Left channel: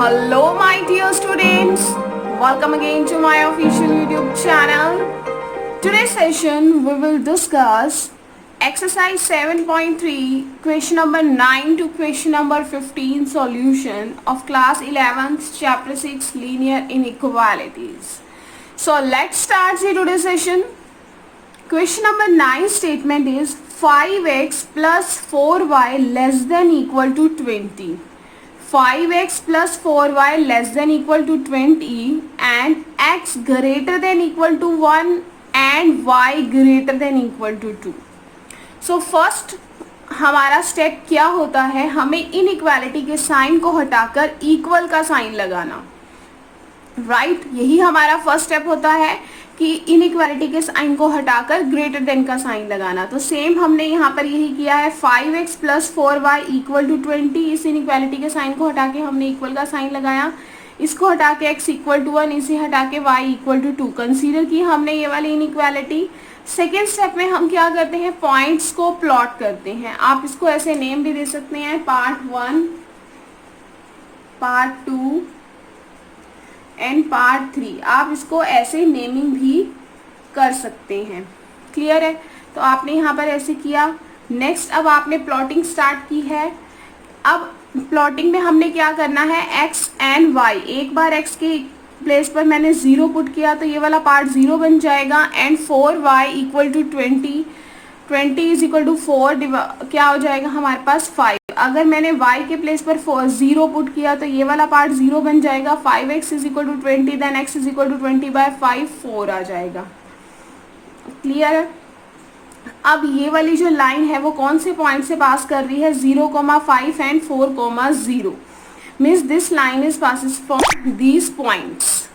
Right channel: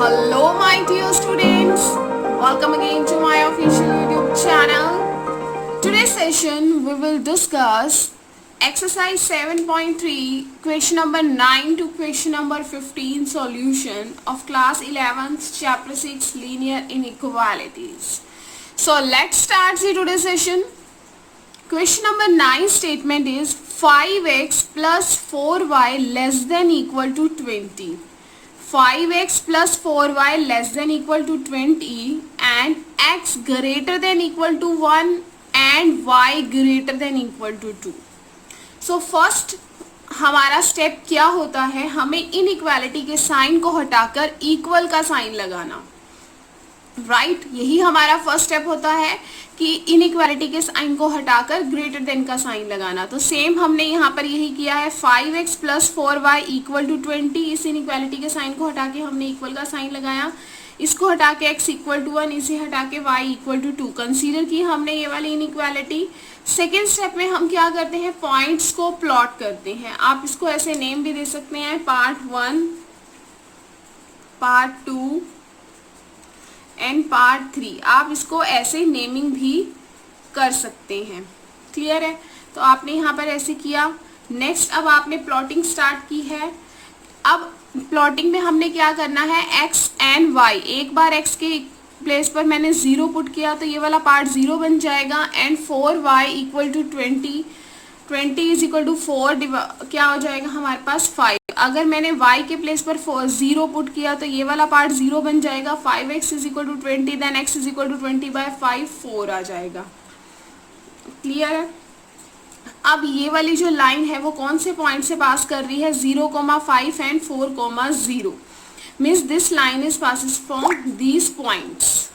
Hello my dear students, welcome again to my official YouTube channel. Today's session we will discuss exercise 7.3 question number 9 to question number 15 solution of class 11th chapter 6 linear inequalities. So let's start the today's session. Question number 9 statement is 5x plus 4y less than equal to 20. 5x plus 4y less than equal to 20 and x greater than equal to 1 and y greater than equal to 2. So first हमारा step क्या होता है, हमें inequality के sign को हटाकर equal का sign लगाना. राइट यही हमारा फर्स्ट स्टेप होता है कि इनइक्वालिटी के साइन को हटाकर ग्रेटर देन का साइन लगाना. तो सेम हमने यहाँ पर यही किया है. 5x plus 4y equal to 20. इस इनइक्वालिटी के साइन को हटा के हमने इक्वल का साइन लगाया. इसको हटा के x इक्वल टू 1, इसे हटा के y इक्वल टू 2 कंसीडर की हमने ये वाली इनइक्वालिटी. सेकेंड स्टेप में हम क्या करते हैं, पॉइंट्स को प्लॉट करते हैं. आप इसको ऐसे नेम भी दे सकते हैं, पार्ट 1, पार्ट 2 एंड पार्ट 3. आप इसको ऐसे नेमिंग भी कर सकते हैं. क्लियर है. तो आपने यहाँ पर ऐसे किया. नेक्स्ट अब आपने प्लॉटिंग स्टार्ट की है. अब प्लॉटिंग में हमने क्या करना है, x एंड y. एक बार x के प्लेस पर मैंने 0 पुट किया तो ये वाला पार्ट 0 बन जाएगा. And 4y equal to 20. 20 is equal to 4 क्या हो जाएगा हमारे पास 5. अगर मैंने y के प्लेस पर 0 पुट किया तो ये वाला पार्ट 0 बन जाएगा. 5x is equal to 20 then x is equal to 20/5 4 आ जाएगा. क्लियर है. अब ये वाली जो लाइन है वो कौन से पॉइंट से पास कर रही है, 0,5 and 4,0. Means this line is passes from these points.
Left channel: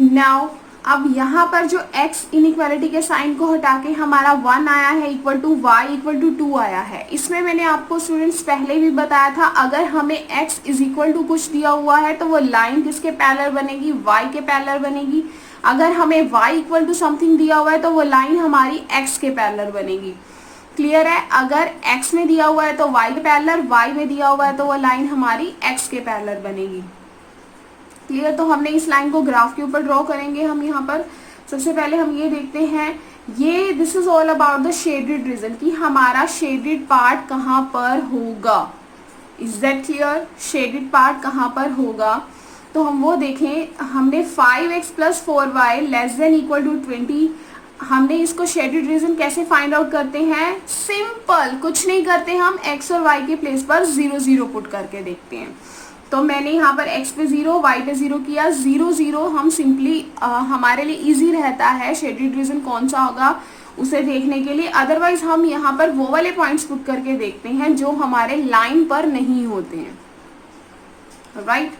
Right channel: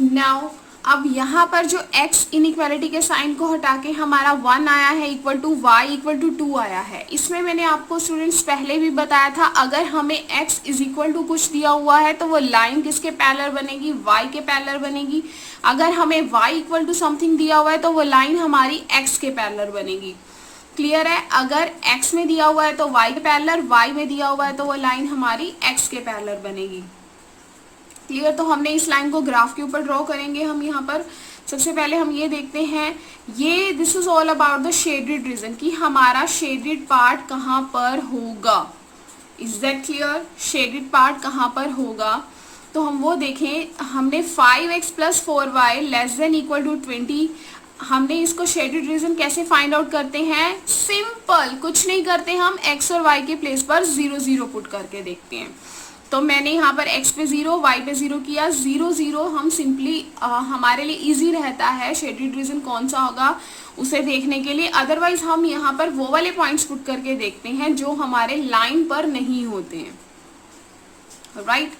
Now अब यहाँ पर जो x इनइक्वालिटी के साइन को हटा के हमारा 1 आया है equal to y equal to 2 आया है. इसमें मैंने आपको स्टूडेंट्स पहले भी बताया था, अगर हमें x इज इक्वल टू कुछ दिया हुआ है तो वो लाइन किसके पैरेलल बनेगी, y के पैरेलल बनेगी. अगर हमें y इक्वल टू समथिंग दिया हुआ है तो वो लाइन हमारी x के पैरेलल बनेगी. क्लियर है. अगर x में दिया हुआ है तो y के पैरेलल, y में दिया हुआ है तो वो लाइन हमारी x के पैरेलल बनेगी. क्लियर. तो हमने इस लाइन को ग्राफ के ऊपर ड्रॉ करेंगे. हम यहाँ पर सबसे पहले हम ये देखते हैं, ये this is all about the shaded region कि हमारा शेडेड पार्ट कहाँ पर होगा. Is that clear. Shaded part कहाँ पर होगा तो हम वो देखें. हमने 5x plus 4y less than equal to 20. हमने इसको शेडेड रीजन कैसे फाइंड आउट करते हैं, सिंपल कुछ नहीं करते, हम x और y के प्लेस पर 0 0 पुट करके देखते हैं. तो मैंने यहाँ पर x पे 0 y पे 0 किया. 0 0 हम सिंपली हमारे लिए इजी रहता है शेडेड रीजन कौन सा होगा उसे देखने के लिए. अदरवाइज हम यहाँ पर वो वाले पॉइंट्स पुट करके देखते हैं जो हमारे लाइन पर नहीं होते हैं. राइट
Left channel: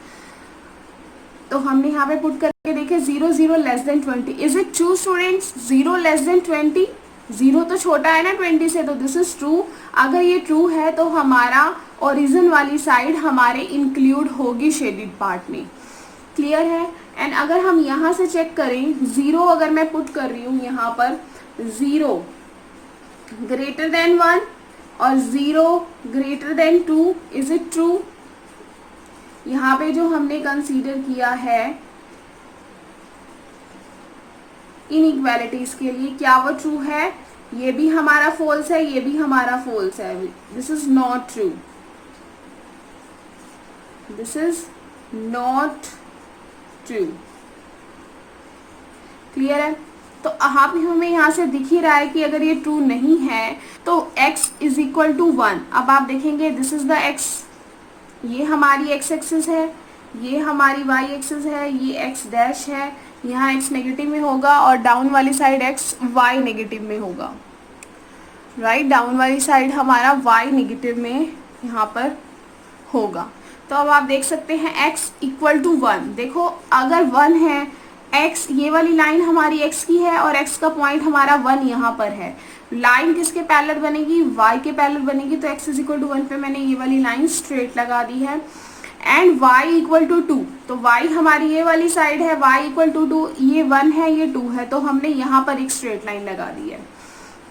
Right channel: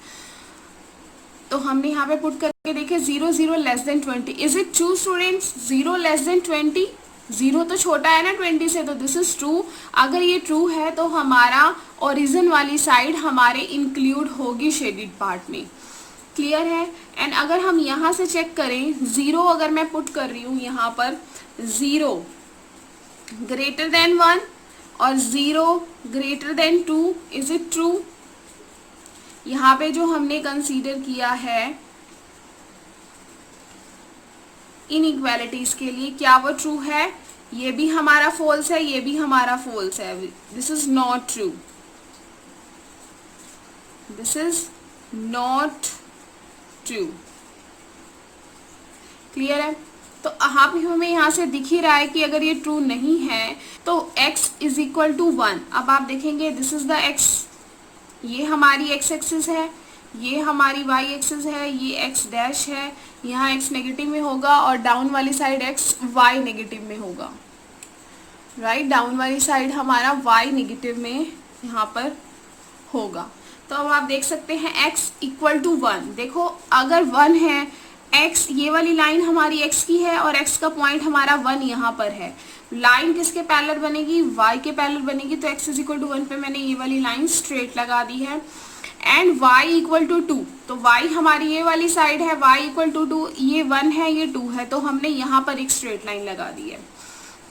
तो हमने यहाँ पे पुट करके देखे 0 0 less then 20. Is it true students, 0 less then 20. 0 तो छोटा है ना 20 से, तो दिस इज ट्रू. अगर ये ट्रू है तो हमारा ओरिजिन वाली साइड हमारे इंक्लूड होगी शेडेड पार्ट में. क्लियर है. एंड अगर हम यहाँ से चेक करें, 0 अगर मैं पुट कर रही हूँ यहाँ पर, 0 ग्रेटर देन 1 और 0 greater than 2. Is it true. यहाँ पे जो हमने कंसीडर किया है इनइक्वालिटीज के लिए, क्या वो ट्रू है, ये भी हमारा फॉल्स है, ये भी हमारा फॉल्स है. This is not true. This is not true. Clear है. तो आप हमें यहाँ से दिख ही रहा है कि अगर ये ट्रू नहीं है तो x इज इक्वल टू 1. अब आप देखेंगे दिस इज द x, ये हमारी x एक्सिस है, ये हमारी y एक्सिस है, ये x डैश है. यहाँ x नेगेटिव में होगा और डाउन वाली साइड x y नेगेटिव में होगा. राइट डाउन वाली साइड हमारा y नेगेटिव में यहाँ पर होगा. तो अब आप देख सकते हैं x इक्वल टू 1. देखो अगर 1 है, x ये वाली लाइन हमारी x की है और x का पॉइंट हमारा 1 यहाँ पर है. लाइन किसके पैरेलल बनेगी, y के पैरेलल बनेगी. तो x इज इक्वल टू 1 पे मैंने ये वाली लाइन स्ट्रेट लगा दी है. एंड y इक्वल टू 2, तो y हमारी ये वाली साइड है, y इक्वल टू 2, ये 1 है ये 2 है, तो हमने यहाँ पर एक स्ट्रेट लाइन लगा दी है.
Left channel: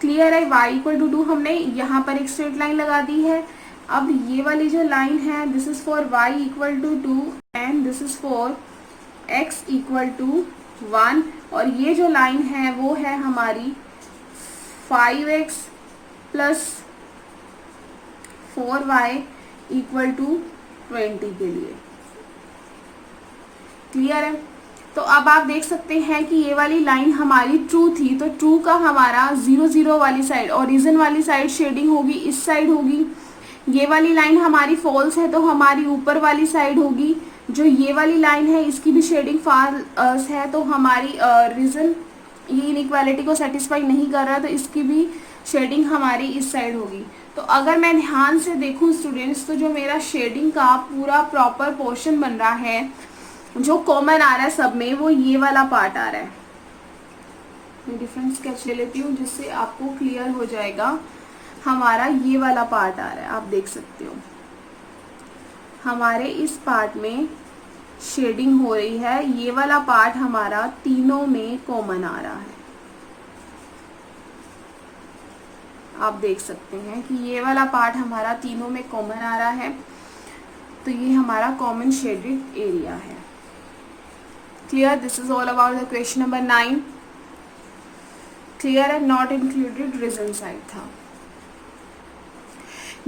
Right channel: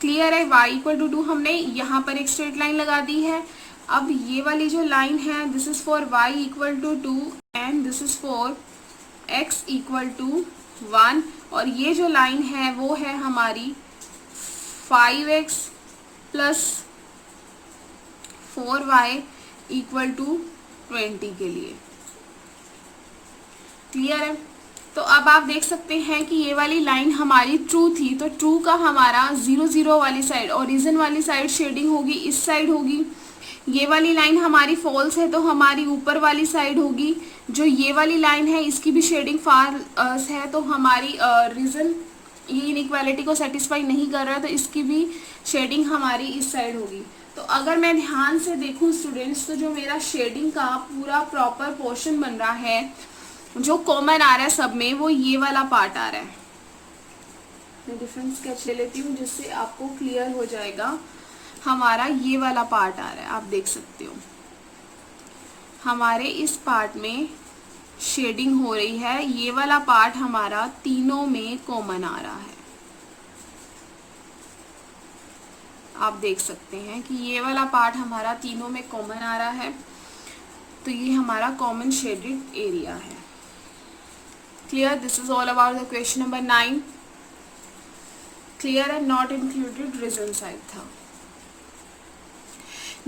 क्लियर है। y इक्वल टू 2 हमने यहाँ पर एक स्ट्रेट लाइन लगा दी है। अब ये वाली जो लाइन है this is for y equal to 2 and this is for x equal to 1 और ये जो लाइन है वो है हमारी 5x plus 4y equal to 20 के लिए। क्लियर है। तो अब आप देख सकते हैं कि ये वाली लाइन हमारी ट्रू थी, तो ट्रू का हमारा 0 0 वाली साइड ओरिजिन वाली साइड शेडिंग होगी इस साइड होगी। ये वाली लाइन हमारी फॉल्स है तो हमारी ऊपर वाली साइड होगी। जो ये वाली लाइन है इसकी भी शेडिंग फॉल्स है तो हमारी रीजन ये इनइक्वालिटी को सेटिस्फाई नहीं कर रहा तो इसकी भी शेडिंग हमारी इस साइड होगी। तो अगर मैं ध्यान से देखूं स्टूडेंट्स तो जो मेरा शेडिंग का पूरा प्रॉपर पोर्शन बन रहा है जो कॉमन आ रहा है सब में वो ये वाला पार्ट आ रहा है। मैं डिफरेंट स्केच ले लेती हूँ जिससे आपको क्लियर हो जाएगा। हमारा ये वाला पार्ट आ रहा है, आप देख सकते हो हमारे इस पार्ट में शेडिंग हो रही है। ये वाला पार्ट हमारा तीनों में कॉमन आ रहा है। आप देख सकते हैं कि ये वाला पार्ट हमारा तीनों में कॉमन आ रहा है तो ये हमारा कॉमन शेडेड एरिया है। Clear. This is all about the question number 9। Clear है। नॉट इंक्लूडेड रीजन साइड था।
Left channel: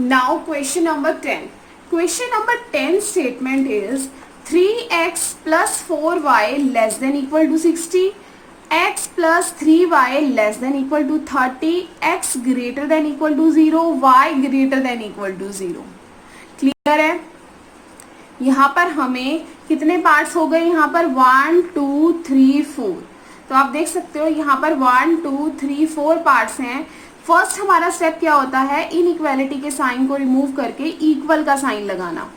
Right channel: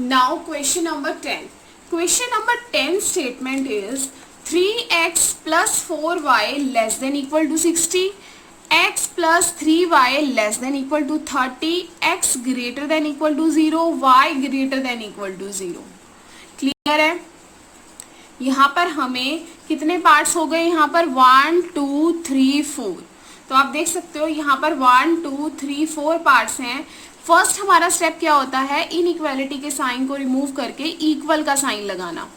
Now question number 10। Question number 10 statement is 3x plus 4y less than equal to 60, x plus 3y less than equal to 30, x greater than equal to 0, y greater than equal to 0। Clear है। यहाँ पर हमें कितने parts हो गए, यहाँ पर 1 2 3 4। तो आप देख सकते हो यहाँ पर 1 2 3 4 पार्ट्स हैं। फर्स्ट हमारा स्टेप क्या होता है, इनइक्वालिटी के साइन को रिमूव करके इक्वल का साइन लगाना।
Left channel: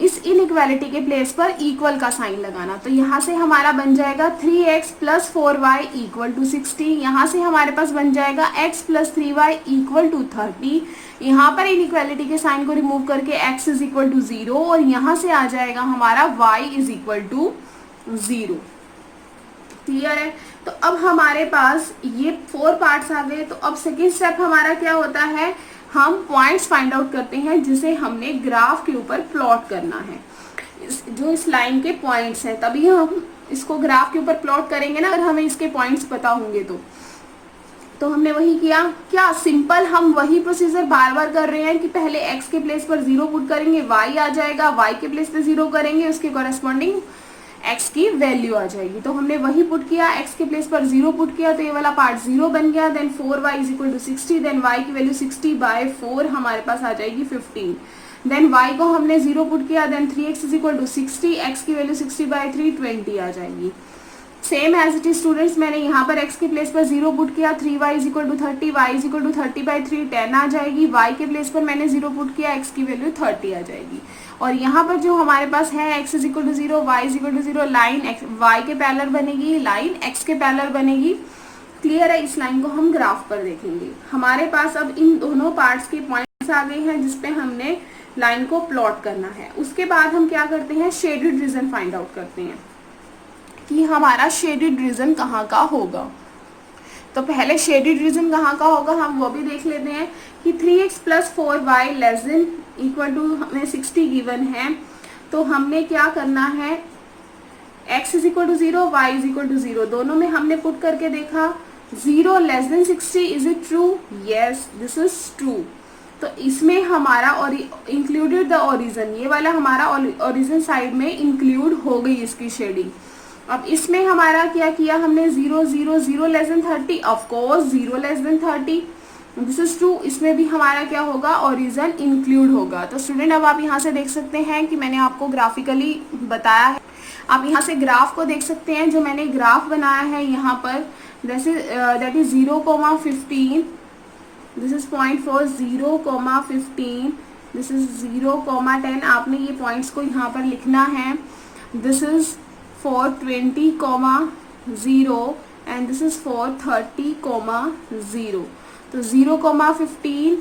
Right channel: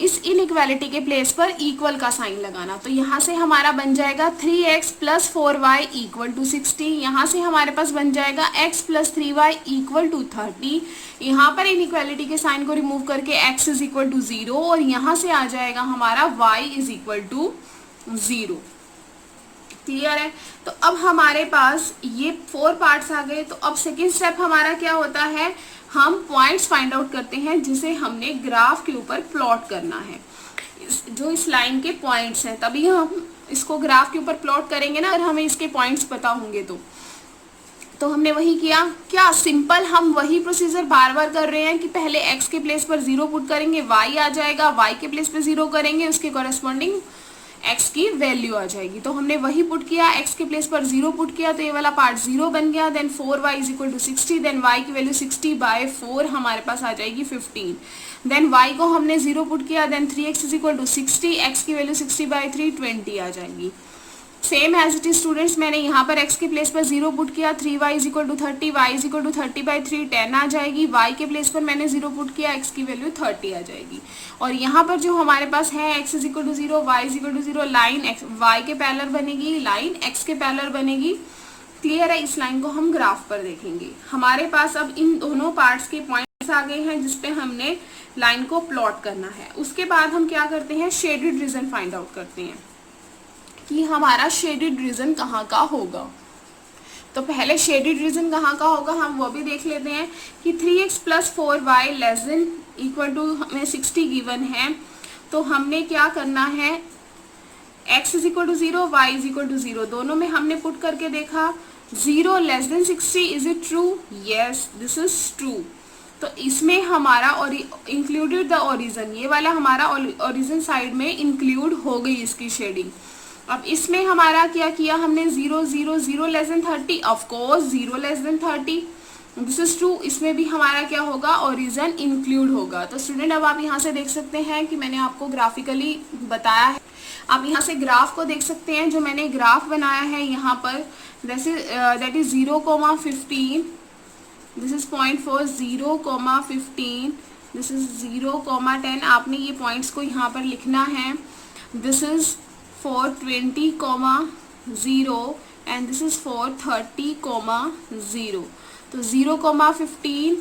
इस इनइक्वालिटी के प्लेस पर इक्वल का साइन लगाना। तो यहाँ से हमारा बन जाएगा 3x plus 4y equal to 60। यहाँ से हमारे पास बन जाएगा x plus 3y equal to 30। यहाँ पर इनइक्वालिटी के साइन को रिमूव करके x इज इक्वल टू 0 और यहाँ से आ जाएगा हमारा y is equal to 0। Clear है। तो अब हमारे पास ये 4 पार्ट्स आ गए। तो अब सेकेंड स्टेप हमारा क्या होता है, हम पॉइंट्स फाइंड आउट करते हैं जिसे हमने ग्राफ के ऊपर प्लॉट करना है। जो इस लाइन के पॉइंट्स हैं तभी हम इसको ग्राफ के ऊपर प्लॉट करेंगे ना, अगर हमें इसके पॉइंट्स पता होंगे तो हमने वही किया। क्या सिंपल हम वही प्रोसीजर बार बार कर रहे हैं कि पहले x के प्लेस पर 0 पुट करेंगे, y आ जाएगा, y के प्लेस पर 0 करेंगे, उसके कॉरेस्पॉन्डिंग x की वैल्यू आ जाएगी। तो हमने वही पुट किया, x के प्लेस पर 0 पुट किया तो ये वाला पार्ट 0 बन गया। Then 4y is equal to 60, then y की वैल्यू 60/4 हमारे पास आ जाएगी 15। देन y को हमने 0 पुट किया, then 3x is equal to 60, x की वैल्यू 60/3 20 आ जाएगी। Same as it is students, मैंने यहाँ पर x के प्लेस पर 0 पुट किया, 3y is equal to 30, y is equal to 30/3 10 आ जाएगी। y के प्लेस पर मैंने 0 पुट किया, x की वैल्यू 30 आ जाएगी। और यहाँ पर जो हमारे पास है x is equal to 0, y is equal to 0, line y के पैरेलल बनेगी, लाइन x के पैरेलल बनेगी। क्लियर है। इस लाइन को हम ग्राफ पर देखेंगे। हमारे पास अब इन दोनों पार्ट्स के पॉइंट्स आ गए हैं जिसपे हमने लाइन को प्लॉट करना है। उसके बाद हम क्या करते हैं, शेडेड रीजन फाइंड आउट करते हैं कि हमारा शेडेड रीजन कहाँ का होगा। तो पहले शेडेड रीजन कहाँ का होगा हम वो भी देख लेते हैं कि 3x plus 4y less than equal to हमें 60 गिवन है। तो हमने क्या करना है, x is equal to 0, y is equal to 0, दोनों में हमने पुट करके देखा 0 less than 60, is it true, yes this is true. तो इसमें हमारा और इंक्लूडेड द ओरिजिन, ये वाला हमारा ओरिजिन साइड में इंक्लूड हो गई इसकी शेडिंग। अब इसमें हमारा क्या किया हमने, 0 0 0 less then 30, of course 0 less then 30, this is true. इसमें भी हमारा क्या होगा, ओरिजिन इंक्लूड होगा। तो स्टूडेंट अब आप यहाँ से देख सकते हैं कि मैंने आपको ग्राफिकली बताया है। आप यहाँ से ग्राफ को देख सकते हैं, जो मैंने ग्राफ बनाया है यहाँ पर that is 0,15, this is 0.4, 0,15, this is 0,10। आपने ये पॉइंट्स को यहाँ पर लिखना है। This is for 20,0 and this is for 30,0। तो 0,15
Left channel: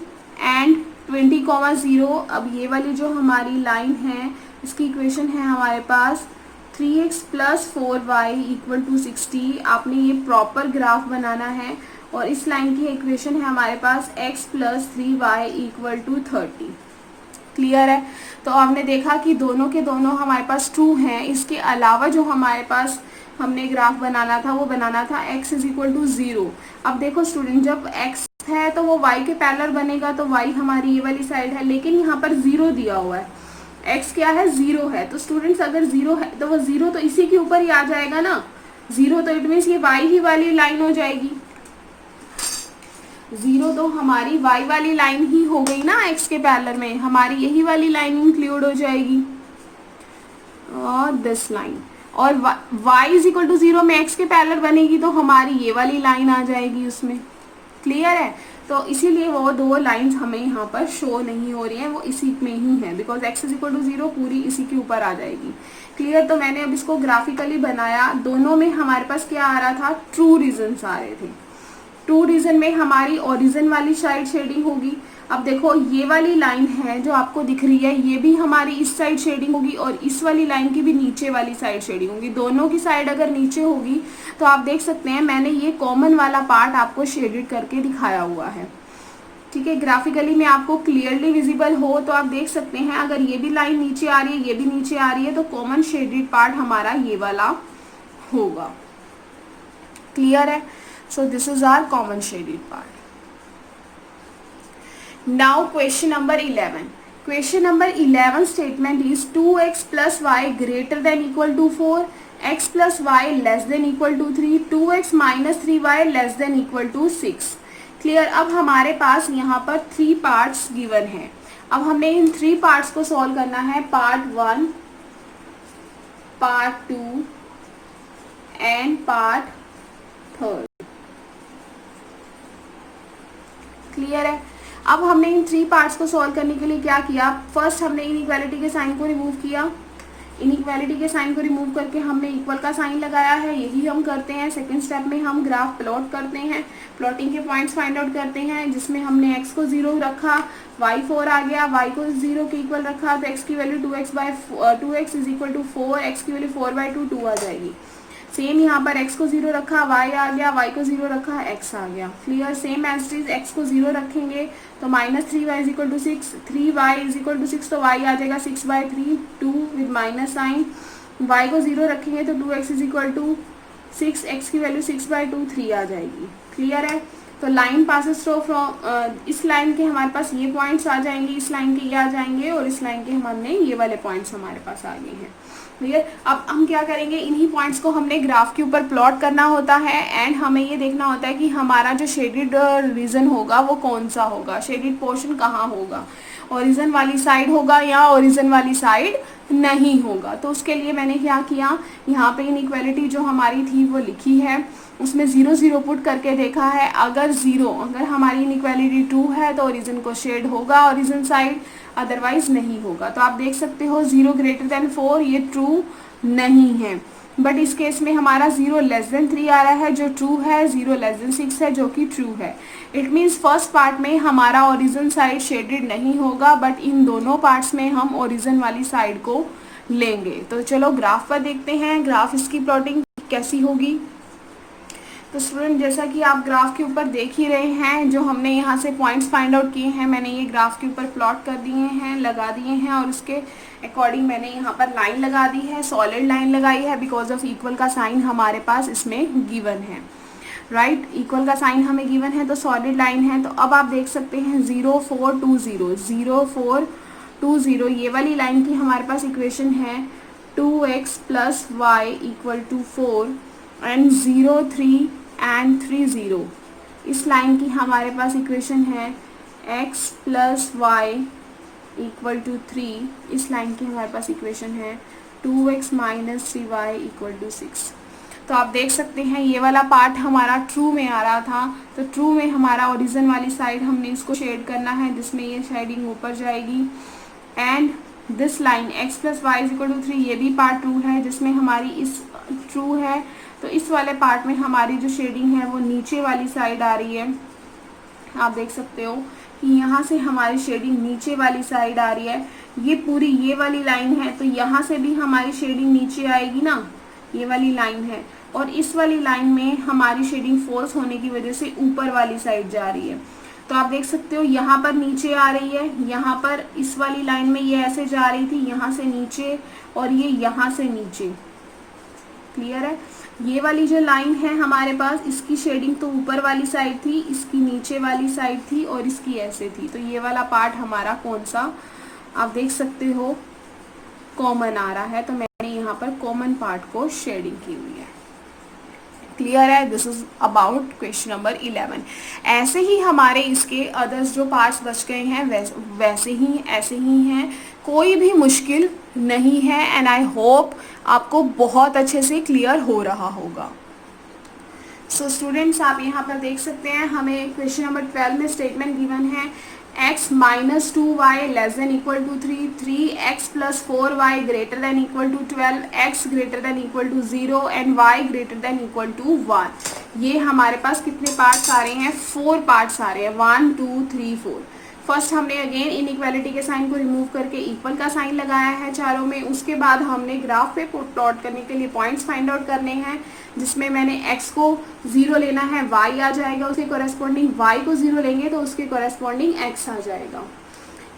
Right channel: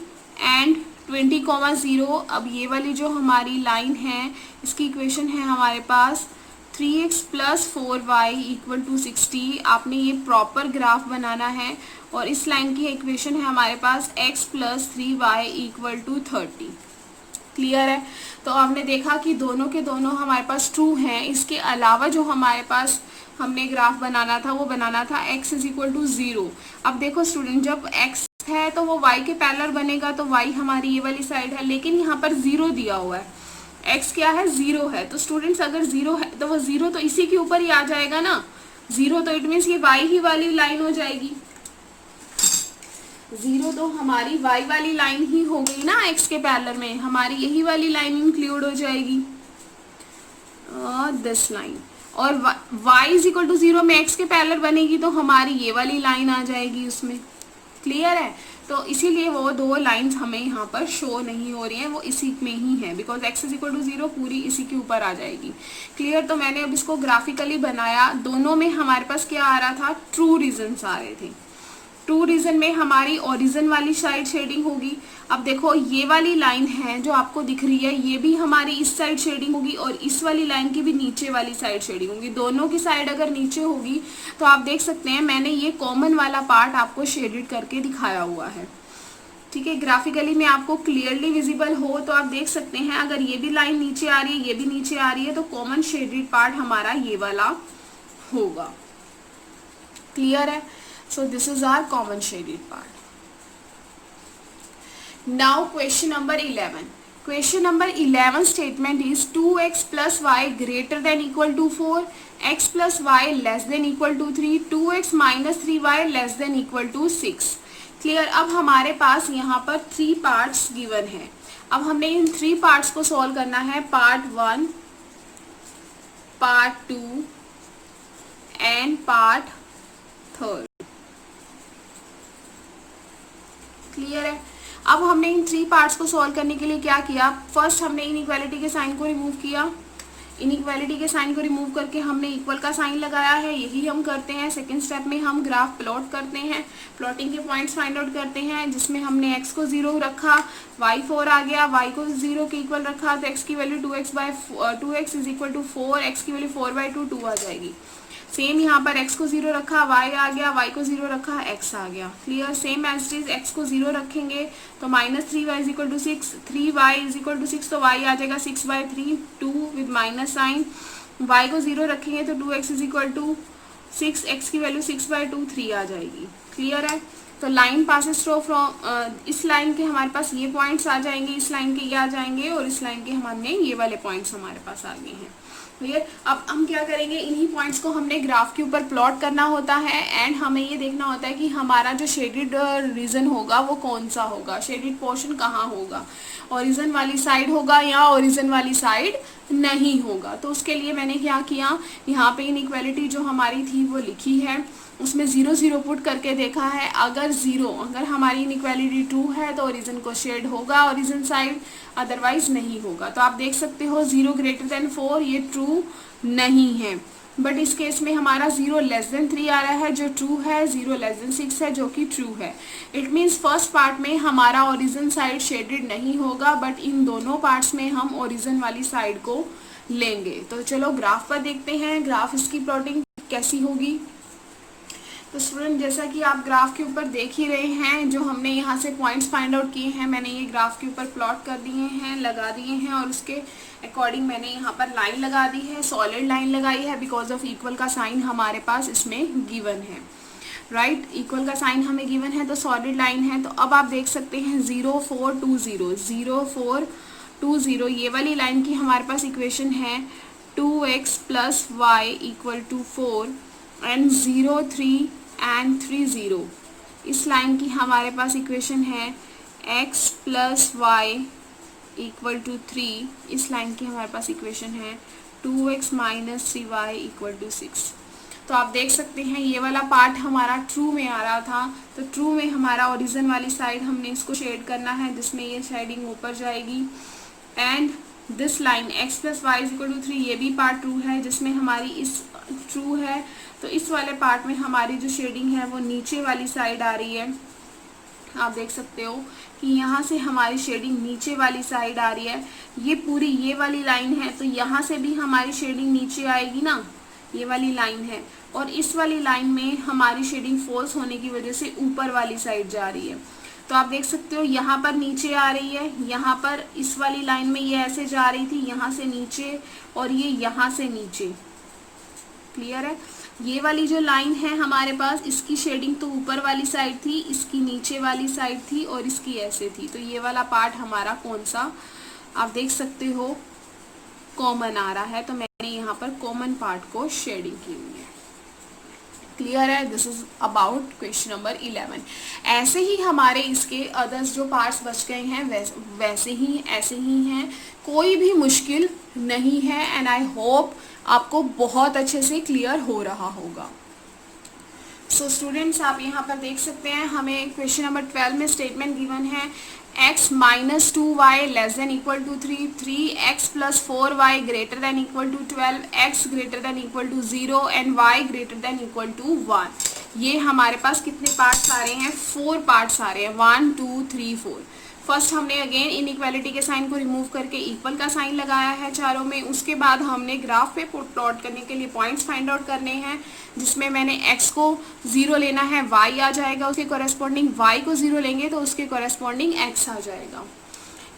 and 20,0। अब ये वाली जो हमारी लाइन है इसकी इक्वेशन है हमारे पास 3x plus 4y equal to 60। आपने ये प्रॉपर ग्राफ बनाना है और इस लाइन की इक्वेशन है हमारे पास x plus 3y equal to 30। Clear है। तो आपने देखा कि दोनों के दोनों हमारे पास ट्रू हैं। इसके अलावा जो हमारे पास हमने ग्राफ बनाना था वो बनाना था x इज इक्वल टू 0। अब देखो स्टूडेंट, जब x है तो वो y के पैरेलल बनेगा, तो y हमारी ये वाली साइड है, लेकिन यहाँ पर 0 दिया हुआ है, x क्या है 0 है। तो स्टूडेंट्स अगर 0 है तो वो 0 तो इसी के ऊपर ही आ जाएगा ना, 0 तो इट मीन्स ये y ही वाली लाइन हो जाएगी, 0 तो हमारी y वाली लाइन ही हो गई ना, x के पैरेलल में हमारी यही वाली लाइन इंक्लूड हो जाएगी और दिस लाइन। और y इज इक्वल टू 0 में x के पैरेलल बनेगी तो हमारी ये वाली लाइन आ जाएगी उसमें। क्लियर है। तो इसीलिए वो दो लाइंस हमें यहाँ पर शो नहीं हो रही हैं, वो इसी में ही है, because x is equal to 0 पूरी इसी के ऊपर आ जाएगी। क्लियर। तो मैंने अब इसको ग्राफिकली बनाया, दोनों में हमारे पास क्या आ रहा था, ट्रू रीजन्स आ रहे थे। ट्रू रीजन में हमारी ओरिजिन वाली साइड शेडिंग होगी। अब देखो ये वाली लाइन है जो आपको दिख रही है, ये भी हमारी इस साइड शेडिंग होगी और इस वाली लाइन की भी नीचे वाली साइड शेडिंग होगी। दोनों की साइड अगर नीचे होगी तो आप देख सकते हैं मैंने ये कॉमन वाला पार्ट आपको शेडेड करके दिखाया हुआ है। ठीक है, ग्राफिकली में आपको क्लियरली विजिबल हो तो आप देख सकते हैं, अगर ये भी लाइन नीचे आ रही है, ये भी नीचे आ रही है, तो कॉमन शेडेड पार्ट हमारा ये वाला होगा। क्लियर है। So this is our common shaded part. Now question number 11. Question number 11 statement is 2x plus y greater than equal to 4, x plus y less than equal to 3, 2x minus 3y less than equal to 6. Clear? अब हमारे पास यहाँ पर 3 parts given हैं। अब हमें इन 3 parts को solve करना है, part 1, part 2 and part 3। Clear है। अब हमने इन 3 पार्ट्स को सॉल्व करने के लिए क्या किया, फर्स्ट हमने इनइक्वालिटी के साइन को रिमूव किया, इनइक्वालिटी के साइन को रिमूव करके हमने इक्वल का साइन लगाया है, यही हम करते हैं। सेकंड स्टेप में हम ग्राफ प्लॉट करते हैं, प्लॉटिंग के पॉइंट्स फाइंड आउट करते हैं, जिसमें हमने x को 0 रखा, y 4 आ गया, y को 0 के इक्वल रखा, तो x की value 2x is equal to 4, x की वैल्यू 4/2 2 आ जाएगी। सेम यहाँ पर x को 0 रखा, y आ गया, y को 0 रखा, x आ गया। Clear. Same as it is x को 0 रखेंगे तो -3y is equal to 6, 3y is equal to 6, तो y आ जाएगा 6/3, 2 विद माइनस साइन। y को 0 रखेंगे तो 2x is equal to 6, x की वैल्यू 6/2 3 आ जाएगी। क्लियर है। तो लाइन पासेस थ्रू फ्रॉम, इस लाइन के हमारे पास ये पॉइंट्स आ जाएंगे, इस लाइन के ये आ जाएंगे और इस लाइन के हमने ये वाले पॉइंट्स हमारे पास आ गए हैं। क्लियर। अब हम क्या करेंगे, इन्हीं पॉइंट्स को हमने ग्राफ के ऊपर प्लॉट करना होता है एंड हमें ये देखना होता है कि हमारा जो शेडेड रीजन होगा वो कौन सा होगा, शेडेड पोर्शन कहाँ होगा, ओरिजिन वाली साइड होगा या ओरिजिन वाली साइड नहीं होगा। तो उसके लिए मैंने क्या किया, यहाँ पे इनइक्वालिटी जो हमारी थी वो लिखी है, उसमें 0 0 पुट करके देखा है। अगर हमारी इनइक्वालिटी ट्रू है तो ओरिजिन को शेड होगा ओरिजिन साइड, अदरवाइज नहीं होगा। तो आप देख सकते हो 0 ग्रेटर देन 4 ये ट्रू नहीं है, बट इस केस में हमारा 0 लेस देन 3 आ रहा है जो ट्रू है, 0 लेस देन 6 है जो कि ट्रू है। इट मीन्स फर्स्ट पार्ट में हमारा ओरिजिन साइड शेडेड नहीं होगा, बट इन दोनों पार्ट्स में हम ओरिजिन वाली साइड को लेंगे। तो चलो ग्राफ पर देखते हैं, ग्राफ इसकी प्लॉटिंग कैसी होगी। तो स्टूडेंट जैसा कि आप ग्राफ के ऊपर देख ही रहे हैं, जो हमने यहाँ से पॉइंट्स फाइंड आउट किए हैं मैंने ये ग्राफ के ऊपर प्लॉट कर दिए हैं, लगा दिए हैं, और उसके अकॉर्डिंग मैंने यहाँ पर लाइन लगा दी है, सॉलिड लाइन लगाई है, बिकॉज ऑफ इक्वल का साइन हमारे पास इसमें गिवन है। राइट, इक्वल का साइन हमें गिवन है तो सॉलिड लाइन है। तो अब आप देख सकते हैं 0 4 2 0 0 4 2 0 ये वाली लाइन की हमारे पास इक्वेशन है 2x plus y equal to 4 and 0 3 and 3 0। इस लाइन की हमारे पास इक्वेशन है x plus y equal to 3। इस लाइन की हमारे पास इक्वेशन है 2x minus 3y equal to 6। तो आप देख सकते हैं ये वाला पार्ट हमारा ट्रू में आ रहा था, तो ट्रू में हमारा ओरिजिन वाली साइड हमने इसको शेड करना है, जिसमें ये शेडिंग ऊपर जाएगी। And this line x plus y is equal to 3 ये भी पार्ट ट्रू है, जिसमें हमारी इस ट्रू है, तो इस वाले पार्ट में हमारी जो शेडिंग है वो नीचे वाली साइड आ रही है। आप देख सकते हो कि यहाँ से हमारी शेडिंग नीचे वाली साइड आ रही है। ये पूरी ये वाली लाइन है, तो यहाँ से भी हमारी शेडिंग नीचे आएगी ना, ये वाली लाइन है, और इस वाली लाइन में हमारी शेडिंग फॉल्स होने की वजह से ऊपर वाली साइड जा रही है। तो आप देख सकते हो यहाँ पर नीचे आ रही है, यहाँ पर इस वाली लाइन में ये ऐसे जा रही थी, यहाँ से नीचे, और ये यहाँ से नीचे। क्लियर है? ये वाली जो लाइन है हमारे पास, इसकी शेडिंग तो ऊपर वाली साइड थी, इसकी नीचे वाली साइड थी, और इसकी ऐसे थी। तो ये वाला पार्ट हमारा कौन सा, आप देख सकते हो कॉमन आ रहा है, तो मैंने यहाँ पर कॉमन पार्ट को शेडिंग की हुई है। क्लियर है? This is about question number 11। ऐसे ही हमारे इसके अदर्स जो पार्ट्स बच गए हैं वैसे ही ऐसे ही हैं, कोई भी मुश्किल नहीं है, एंड आई होप आपको बहुत अच्छे से क्लियर हो रहा होगा। सो स्टूडेंट्स, आप यहाँ पर देख सकते हैं हमें क्वेश्चन नंबर 12 में स्टेटमेंट गिवन है x minus 2y less than equal to 3, 3x plus 4y greater than equal to 12, x greater than equal to 0 and y greater than equal to 1। ये हमारे पास कितने पार्ट्स आ रहे हैं? 4 पार्ट्स आ रहे हैं, 1 2 3 4। First हमने अगेन इनइक्वालिटी के साइन को रिमूव करके इक्वल का साइन लगाया है चारों में। उसके बाद हमने ग्राफ पे प्लॉट करने के लिए पॉइंट्स फाइंड आउट करने हैं, जिसमें मैंने x को 0 लेना है, y आ जाएगा, उसके कॉरेस्पॉन्डिंग y को 0 लेंगे तो उसके कॉरेस्पॉन्डिंग x आ जाएगा।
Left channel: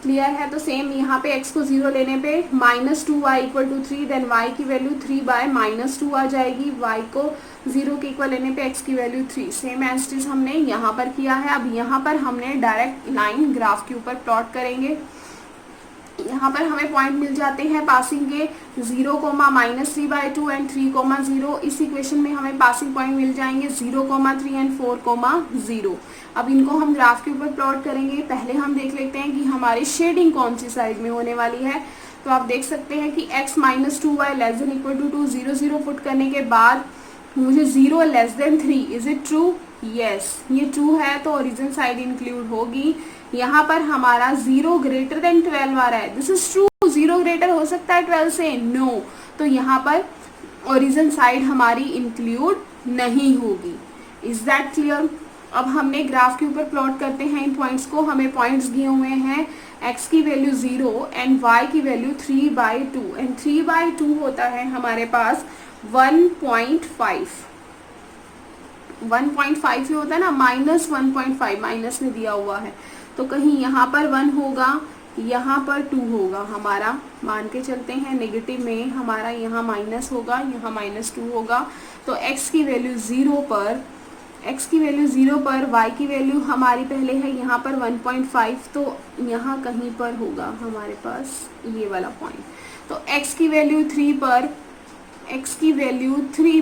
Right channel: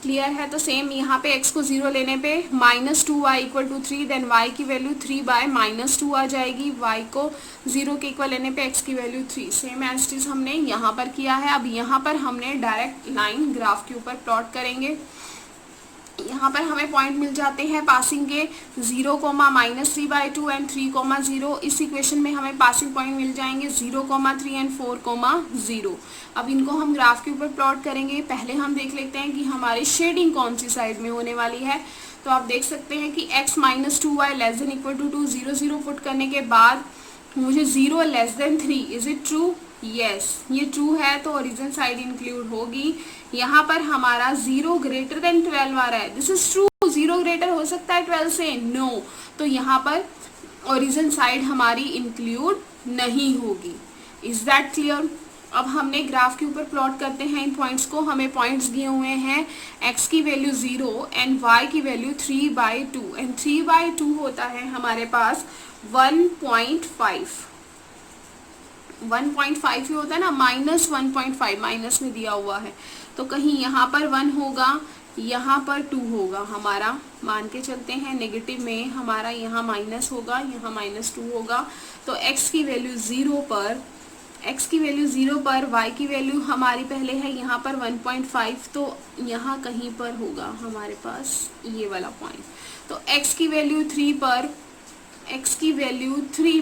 क्लियर है? तो सेम यहाँ पे x को 0 लेने पे minus 2y equal to 3, then y की वैल्यू 3/-2 आ जाएगी, y को 0 के इक्वल लेने पे x की value 3। Same as it is हमने यहाँ पर किया है। अब यहाँ पर हमने डायरेक्ट लाइन ग्राफ के ऊपर प्लॉट करेंगे। यहाँ पर हमें पॉइंट मिल जाते हैं पासिंग के 0, -3/2 एंड 3, 0। इस इक्वेशन में हमें पासिंग पॉइंट मिल जाएंगे 0, 3 एंड 4, 0। अब इनको हम ग्राफ के ऊपर प्लॉट करेंगे। पहले हम देख लेते हैं कि हमारी शेडिंग कौन सी साइड में होने वाली है। तो आप देख सकते हैं कि x minus 2y less than equal to 2, 0 0 put करने के बाद मुझे 0 less than 3, is it true? Yes, ये ट्रू है, तो ओरिजिन साइड इंक्लूड होगी। यहाँ पर हमारा 0 ग्रेटर देन 12 आ रहा है, दिस इज ट्रू। 0 ग्रेटर हो सकता है 12 से? नो। तो यहाँ पर ओरिजिन साइड हमारी इंक्लूड नहीं होगी। Is that clear? अब हमने ग्राफ के ऊपर प्लॉट करते हैं इन पॉइंट्स को। हमें पॉइंट्स दिए हुए हैं x की वैल्यू 0 एंड y की वैल्यू 3/2, एंड 3/2 होता है हमारे पास 1.5। 1.5 ही होता है ना, -1.5 माइनस में दिया हुआ है, तो कहीं यहाँ पर 1 होगा, यहाँ पर 2 होगा हमारा, मान के चलते हैं नेगेटिव में हमारा यहाँ माइनस होगा, यहाँ -2 होगा। तो x की वैल्यू 0 पर y की वैल्यू हमारी पहले है यहाँ पर 1.5, तो यहाँ कहीं पर होगा हमारे पास ये वाला पॉइंट। तो x की वैल्यू 3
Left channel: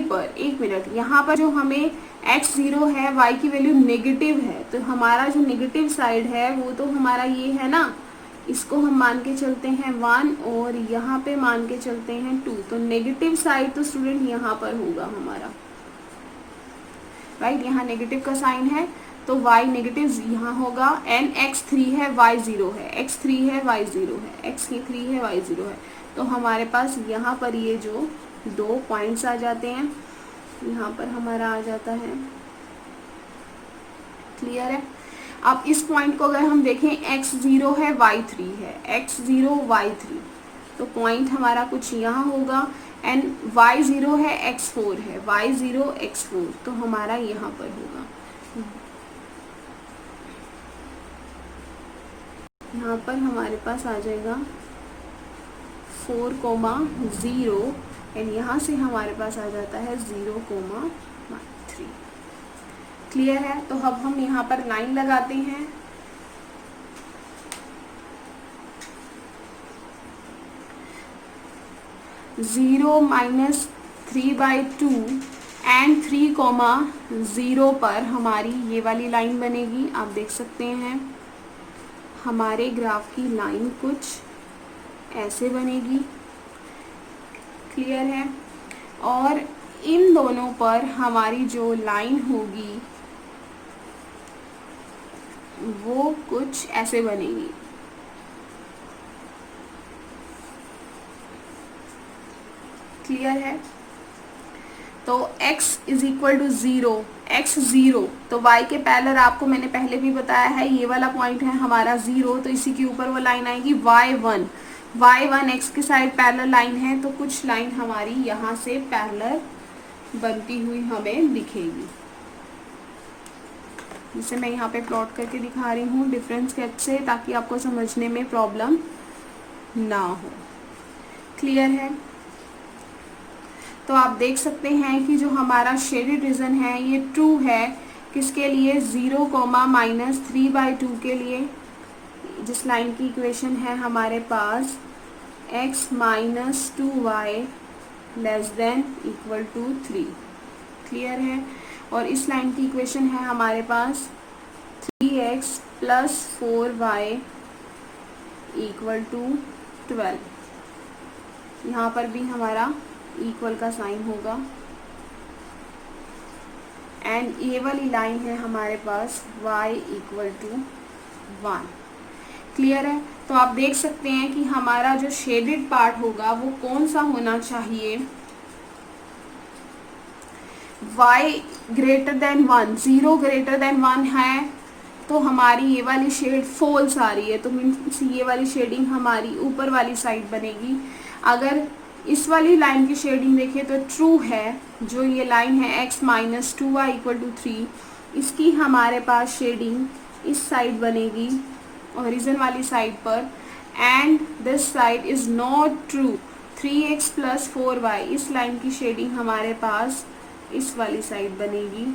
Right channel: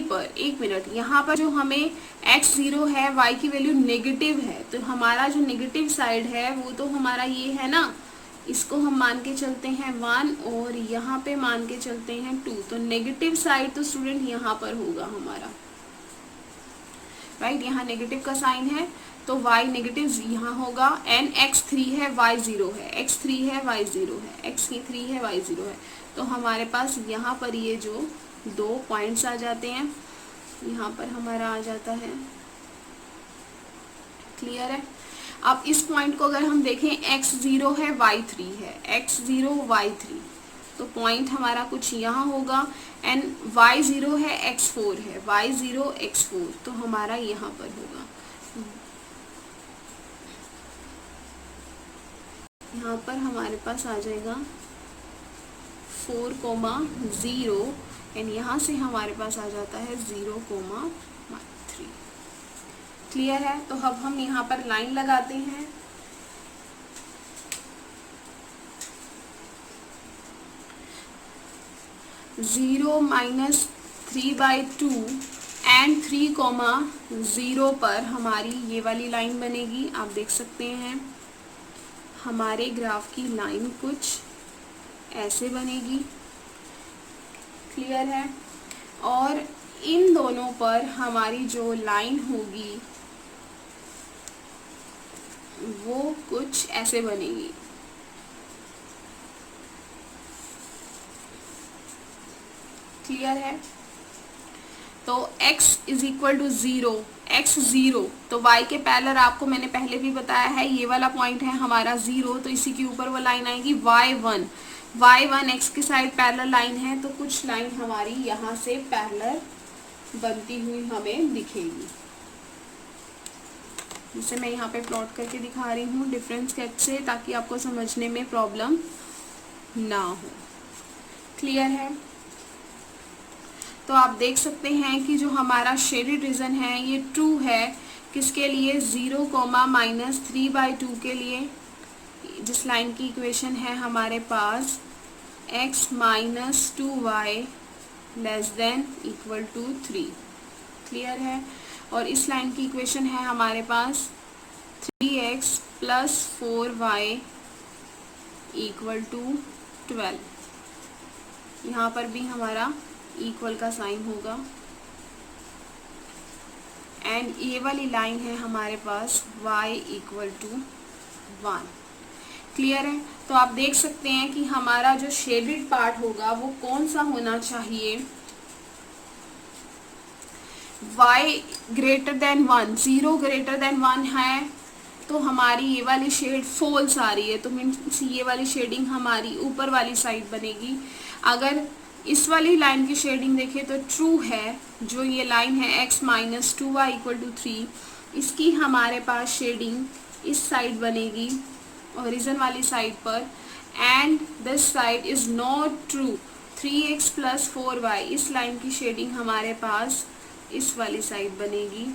पर, एक मिनट, यहाँ पर जो हमें x 0 है, y की वैल्यू नेगेटिव है, तो हमारा जो नेगेटिव साइड है वो तो हमारा ये है ना, इसको हम मान के चलते हैं 1 और यहाँ पे मान के चलते हैं 2। तो नेगेटिव साइड तो स्टूडेंट यहाँ पर होगा हमारा, राइट? यहाँ नेगेटिव का साइन है तो y नेगेटिव यहाँ होगा, एंड x 3 है y 0 है, x 3 है y 0 है, x 3 है y 0 है। तो हमारे पास यहाँ पर ये जो 2 पॉइंट्स आ जाते हैं, यहाँ पर हमारा आ जाता है। क्लियर है? अब इस पॉइंट को अगर हम देखें, x 0 है y 3 है, x 0 y 3, तो पॉइंट हमारा कुछ यहाँ होगा, एंड y 0 है x 4 है, y 0 x 4, तो हमारा यहाँ पर होगा। यहाँ पर हमारे पास आ जाएगा 4, 0, एंड यहाँ से हमारे पास आ जाता है 0, 3। क्लियर है? तो अब हम यहाँ पर लाइन लगाते हैं। -0 3/2 एंड 3, 0 पर हमारी ये वाली लाइन बनेगी। आप देख सकते हैं हमारे ग्राफ की लाइन कुछ ऐसे बनेगी। क्लियर है? और इन दोनों पर हमारी जो लाइन होगी वो कुछ ऐसे बनेगी। क्लियर है? तो x is equal to 0, x 0, तो y के पैरेलल आपको मैंने पहले भी बताया है, ये वाला पॉइंट है हमारा 0, तो इसी के ऊपर वो लाइन आएगी y 1। y1 x की साइड पैरेलल लाइन है, तो कुछ लाइन हमारी यहाँ से पैरेलल बनती हुई हमें दिखेगी, जिसे मैं यहाँ पे प्लॉट करके दिखा रही हूँ डिफरेंस स्केच से, ताकि आपको समझने में प्रॉब्लम ना हो। क्लियर है? तो आप देख सकते हैं कि जो हमारा शेडेड रीजन है ये ट्रू है, किसके लिए? 0, -3/2 के लिए, जिस लाइन की इक्वेशन है हमारे पास x - 2y ≤ 3। क्लियर है? और इस लाइन की इक्वेशन है हमारे पास 3x + 4y = 12। यहाँ पर भी हमारा इक्वल का साइन होगा, एंड ये वाली लाइन है हमारे पास y = 1। क्लियर है? तो आप देख सकते हैं कि हमारा जो शेडेड पार्ट होगा वो कौन सा होना चाहिए? y > 1, 0 > 1 है, तो हमारी ये वाली शेड फॉल्स आ रही है, तो मीन्स ये वाली शेडिंग हमारी ऊपर वाली साइड बनेगी। अगर इस वाली लाइन की शेडिंग देखें तो ट्रू है, जो ये लाइन है x - 2y = 3, इसकी हमारे पास शेडिंग इस साइड बनेगी, ओरिजिन वाली साइड पर, and this side is not true, 3x + 4y, इस लाइन की शेडिंग हमारे पास इस वाली साइड बनेगी।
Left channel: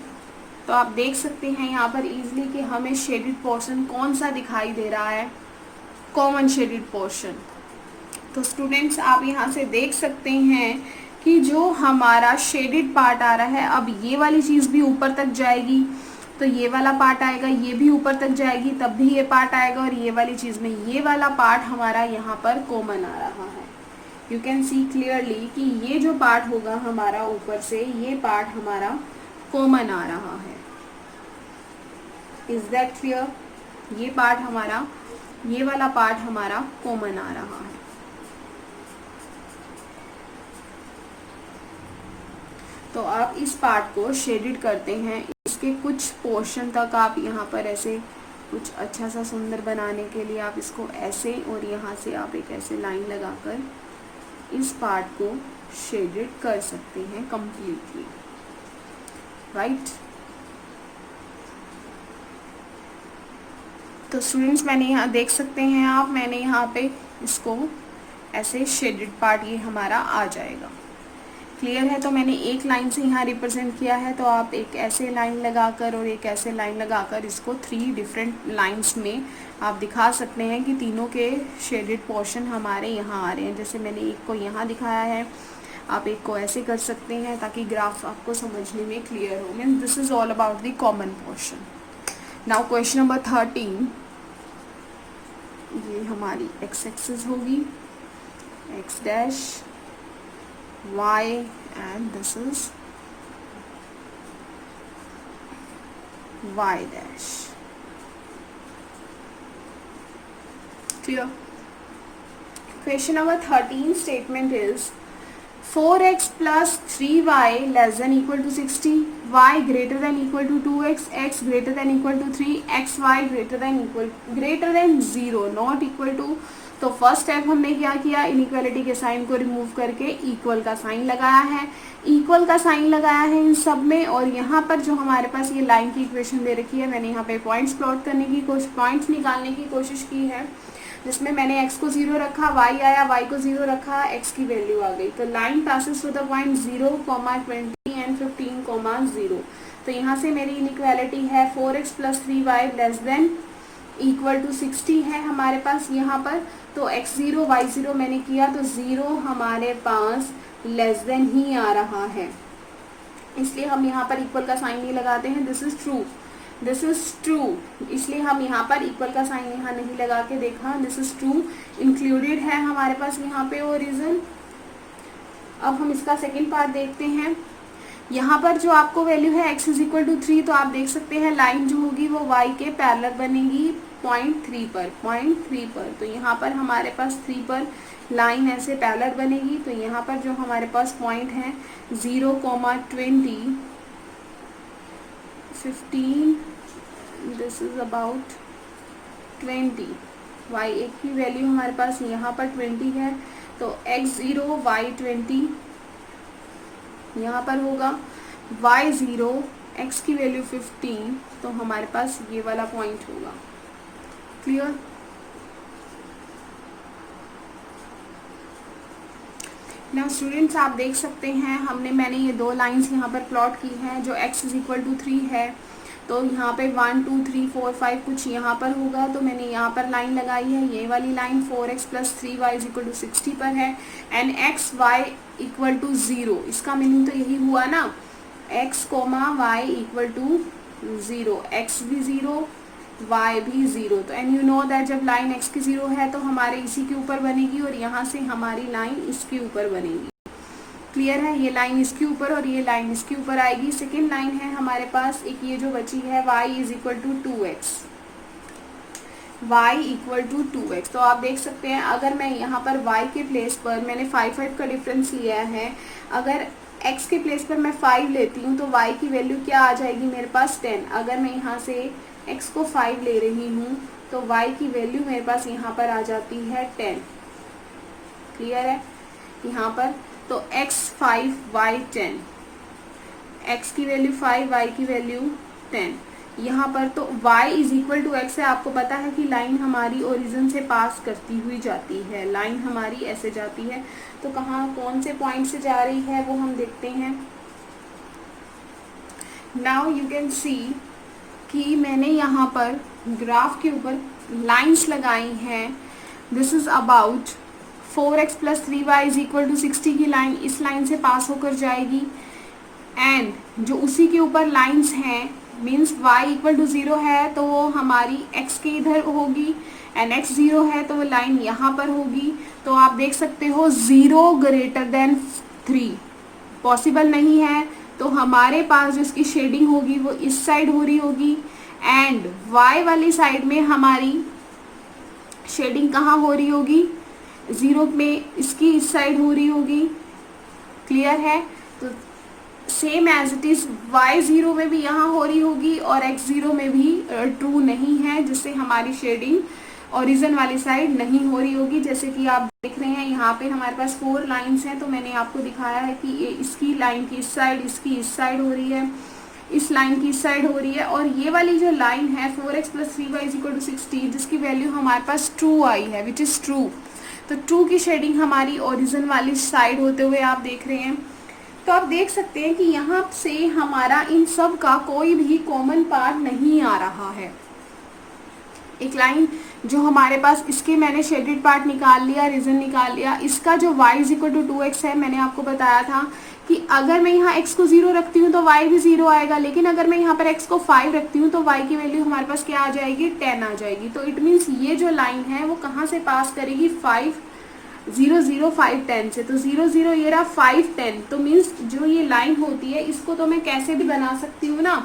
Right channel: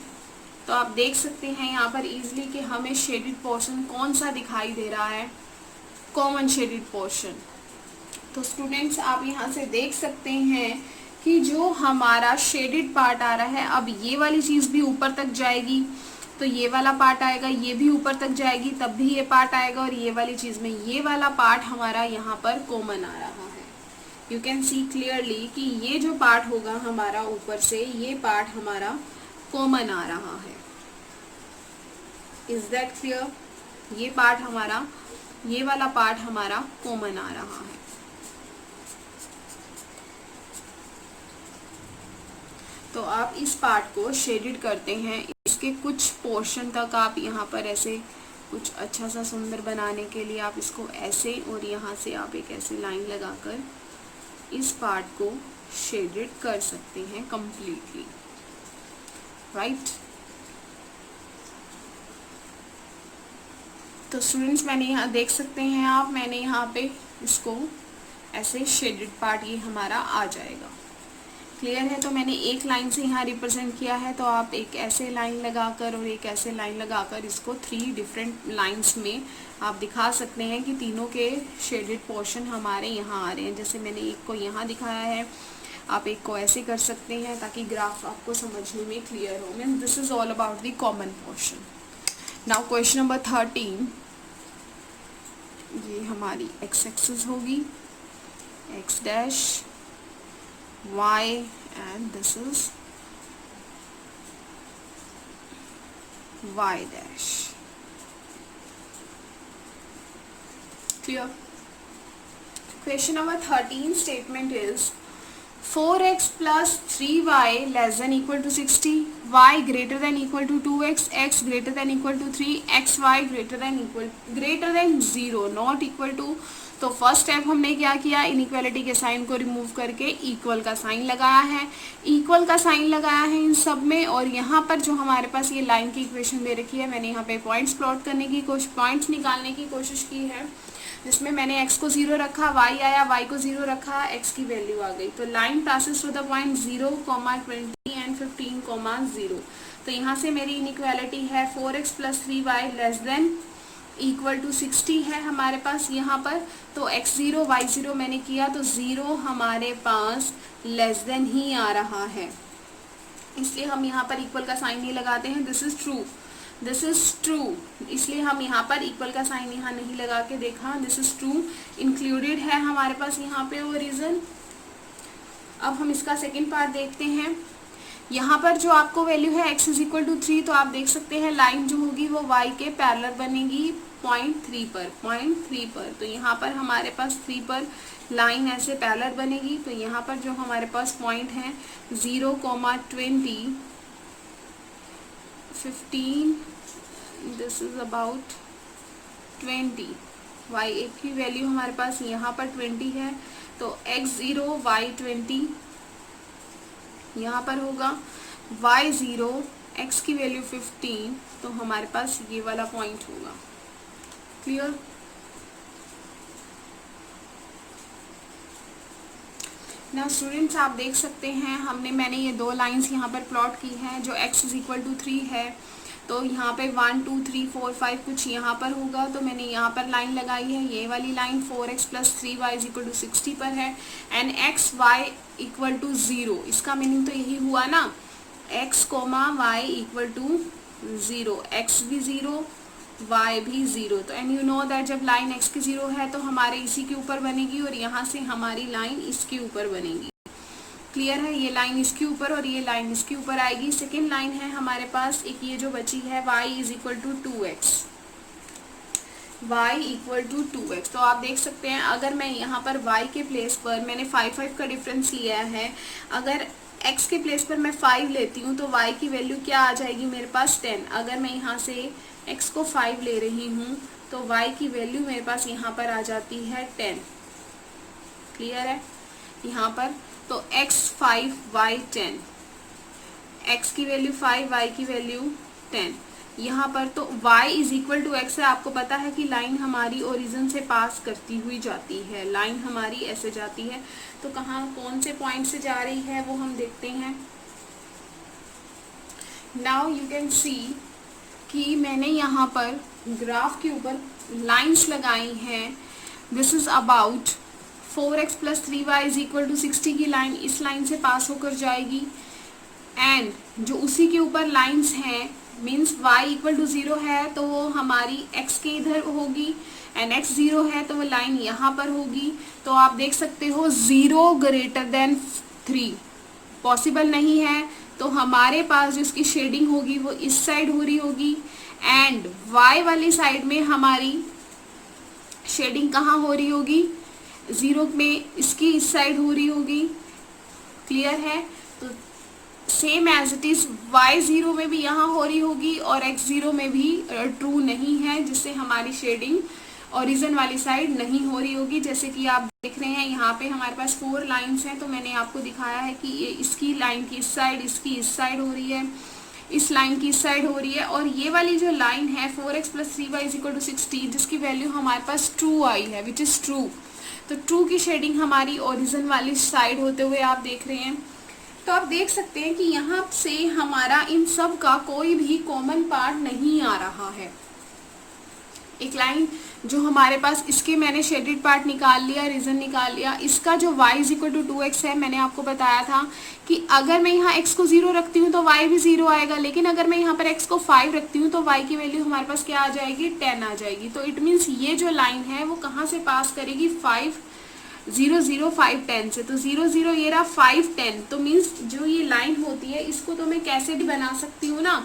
तो आप देख सकते हैं यहाँ पर इजीली कि हमें शेडेड पोर्शन कौन सा दिखाई दे रहा है, कॉमन शेडेड पोर्शन। तो स्टूडेंट्स आप यहाँ से देख सकते हैं कि जो हमारा शेडेड पार्ट आ रहा है, अब ये वाली चीज़ भी ऊपर तक जाएगी, तो ये वाला पार्ट आएगा, ये भी ऊपर तक जाएगी, तब भी ये पार्ट आएगा, और ये वाली चीज़ में ये वाला पार्ट हमारा यहाँ पर कॉमन आ रहा है। यू कैन सी क्लियरली कि ये जो पार्ट होगा हमारा ऊपर से, ये पार्ट हमारा कॉमन आ रहा है। Is that clear? ये पार्ट हमारा, ये वाला पार्ट हमारा कॉमन आ रहा है। तो आप इस पार्ट को शेडेड करते हैं, इसके कुछ पोर्शन तक आप यहाँ पर ऐसे कुछ अच्छा सा सुंदर बनाने के लिए आप इसको ऐसे, और यहाँ से आप एक ऐसे लाइन लगाकर इस पार्ट को शेडेड कर सकते हैं कंप्लीटली, राइट? तो स्टूडेंट्स मैंने यहाँ देख सकते हैं आप, मैंने यहाँ पे इसको ऐसे शेडेड पार्ट ये हमारा आ जाएगा। क्लियर है? तो मैंने एक लाइन से यहाँ रिप्रेजेंट किया है, तो आप एक ऐसे लाइन लगाकर और एक ऐसे लाइन लगाकर इसको 3 डिफरेंट लाइंस में आप दिखा सकते हैं कि तीनों के शेडेड पोर्शन हमारे यहाँ आ रहे हैं। जैसे मैंने एक को यहाँ दिखाया है, आप एक को ऐसे कर सकते हैं, ताकि ग्राफ आपको समझने में क्लियर हो। Means this is all about the common portion. Now question number 13, ये हमारी x एक्सिस होगी, x dash, y, and this is y dash. Clear? Question number 13 statement is 4x plus 3y less than equal to 60, y greater than equal to 2x, x greater than equal to 3, xy greater than 0, not equal to। तो first step हमने क्या किया, inequality के sign को remove करके equal का sign लगाया है, इक्वल का साइन लगाया है इन सब में। और यहाँ पर जो हमारे पास ये लाइन की इक्वेशन दे रखी है, मैंने यहाँ पे पॉइंट्स प्लॉट करने की पॉइंट्स निकालने की कोशिश की है, जिसमें मैंने x को 0 रखा, y आया, y को 0 रखा, x की वैल्यू आ गई। तो line passes to the point 0, 20 and 15, 0। तो यहाँ से मेरी इनइक्वालिटी है 4x + 3y less than equal to 60 है हमारे पास यहाँ पर। तो x0 y0 मैंने किया, तो 0 हमारे पास लेस देन ही आ रहा है, इसलिए हम यहाँ पर इक्वल का साइन नहीं लगाते हैं। This is true, this is true, इसलिए हम यहाँ पर इक्वल का साइन यहाँ नहीं लगा के देखा। दिस इज ट्रू, इंक्लूडेड है हमारे पास यहाँ पे ओरिजिन। अब हम इसका सेकेंड पार्ट देखते हैं। यहाँ पर जो आपको वैल्यू है x = 3, तो आप देख सकते हैं लाइन जो होगी वो y के पैरेलल बनेगी 0.3 पर। तो यहाँ पर हमारे पास 3 पर लाइन ऐसे पैरेलल बनेगी। तो यहाँ पर जो हमारे पास पॉइंट है 0, 20, 15, दिस इज अबाउट 20, y1 की वैल्यू हमारे पास यहाँ पर 20 है, तो x0 y20 यहाँ पर होगा, y0 x की वैल्यू 15, तो हमारे पास ये वाला पॉइंट होगा। क्लियर? ना स्टूडेंट्स आप देख सकते हैं मैंने ये दो लाइंस यहाँ पर प्लॉट की हैं। जो x इज इक्वल टू 3 है, तो यहाँ पे 1 2 3 4 5 कुछ यहाँ पर होगा, तो मैंने यहाँ पर लाइन लगाई है। ये वाली line 4x plus 3y is equal to 60 पर है, and x y equal to 0। इसका मीनिंग तो यही हुआ ना, x y equal to 0, x भी 0 y भी 0। तो एंड यू नो दैट जब लाइन x की 0 है तो हमारे इसी के ऊपर बनेगी, और यहाँ से हमारी लाइन इसके ऊपर बनेगी। क्लियर है? ये लाइन इसके ऊपर और ये लाइन इसके ऊपर आएगी। सेकेंड लाइन है हमारे पास एक ये जो बची है, y is equal to 2x, y equal to 2x। तो आप देख सकते हैं अगर मैं यहाँ पर y के प्लेस पर मैंने 5 का डिफरेंस लिया है, अगर x के प्लेस पर मैं 5 लेती हूँ तो y की वैल्यू क्या आ जाएगी मेरे पास 10। अगर मैं यहाँ से x को 5 ले रही हूँ तो y की वैल्यू मेरे पास यहाँ पर आ जाती है 10। क्लियर है? यहाँ पर तो x 5 y 10, x की वैल्यू 5 y की वैल्यू 10। यहाँ पर तो y is equal to x है। आपको पता है कि लाइन हमारी ओरिजिन से पास करती हुई जाती है, लाइन हमारी ऐसे जाती है, तो कहाँ कौन से पॉइंट से जा रही है वो हम देखते हैं। नाउ यू कैन सी कि मैंने यहाँ पर ग्राफ के ऊपर लाइंस लगाई हैं। This is about 4x plus 3y is equal to 60 की लाइन इस लाइन से पास होकर जाएगी, एंड जो उसी के ऊपर लाइंस हैं मीन्स y इक्वल टू 0 है तो वो हमारी x के इधर होगी, एंड x 0 है तो वो लाइन यहाँ पर होगी। तो आप देख सकते हो 0 ग्रेटर देन 3 पॉसिबल नहीं है, तो हमारे पास जो इसकी शेडिंग होगी वो इस साइड हो रही होगी, एंड y वाली साइड में हमारी शेडिंग कहाँ हो रही होगी, 0 में इसकी इस साइड हो रही होगी। क्लियर है? तो same as it is y0 में भी यहाँ हो रही होगी और x0 में भी ट्रू नहीं है, जिससे हमारी शेडिंग ओरिजिन वाली साइड नहीं हो रही होगी। जैसे कि आप देख रहे हैं यहाँ पे हमारे पास 4 लाइंस हैं, तो मैंने आपको दिखाया है कि ये इसकी लाइन की इस साइड, इसकी इस साइड हो रही है, इस लाइन की इस साइड हो रही है, और ये वाली जो लाइन है 4x plus 3y is equal to 60 जिसकी वैल्यू हमारे पास ट्रू आई है, विच इज ट्रू। तो ट्रू की शेडिंग हमारी ओरिजिन वाली साइड होते हुए आप देख रहे हैं। तो आप देख सकते हैं कि यहाँ से हमारा इन सब का कोई भी कॉमन पार्ट नहीं आ रहा है। एक लाइन जो हमारे पास, इसके मैंने शेडेड पार्ट निकाल लिया, रीजन निकाल लिया। इसका जो y is equal to 2x है, मैंने आपको बताया था कि अगर मैं यहाँ x को 0 रखती हूँ तो y भी 0 आएगा, लेकिन अगर मैं यहाँ पर x को 5 रखती हूँ तो y की वैल्यू हमारे पास क्या आ जाएगी, 10 आ जाएगी। तो इट मीन्स ये जो लाइन है वो कहाँ से पास करेगी, 5 0 0 5 10 से। तो 0 0 ये रहा 5 10, तो मीन्स जो ये लाइन होती है इसको तो मैं कैसे भी बना सकती हूँ ना,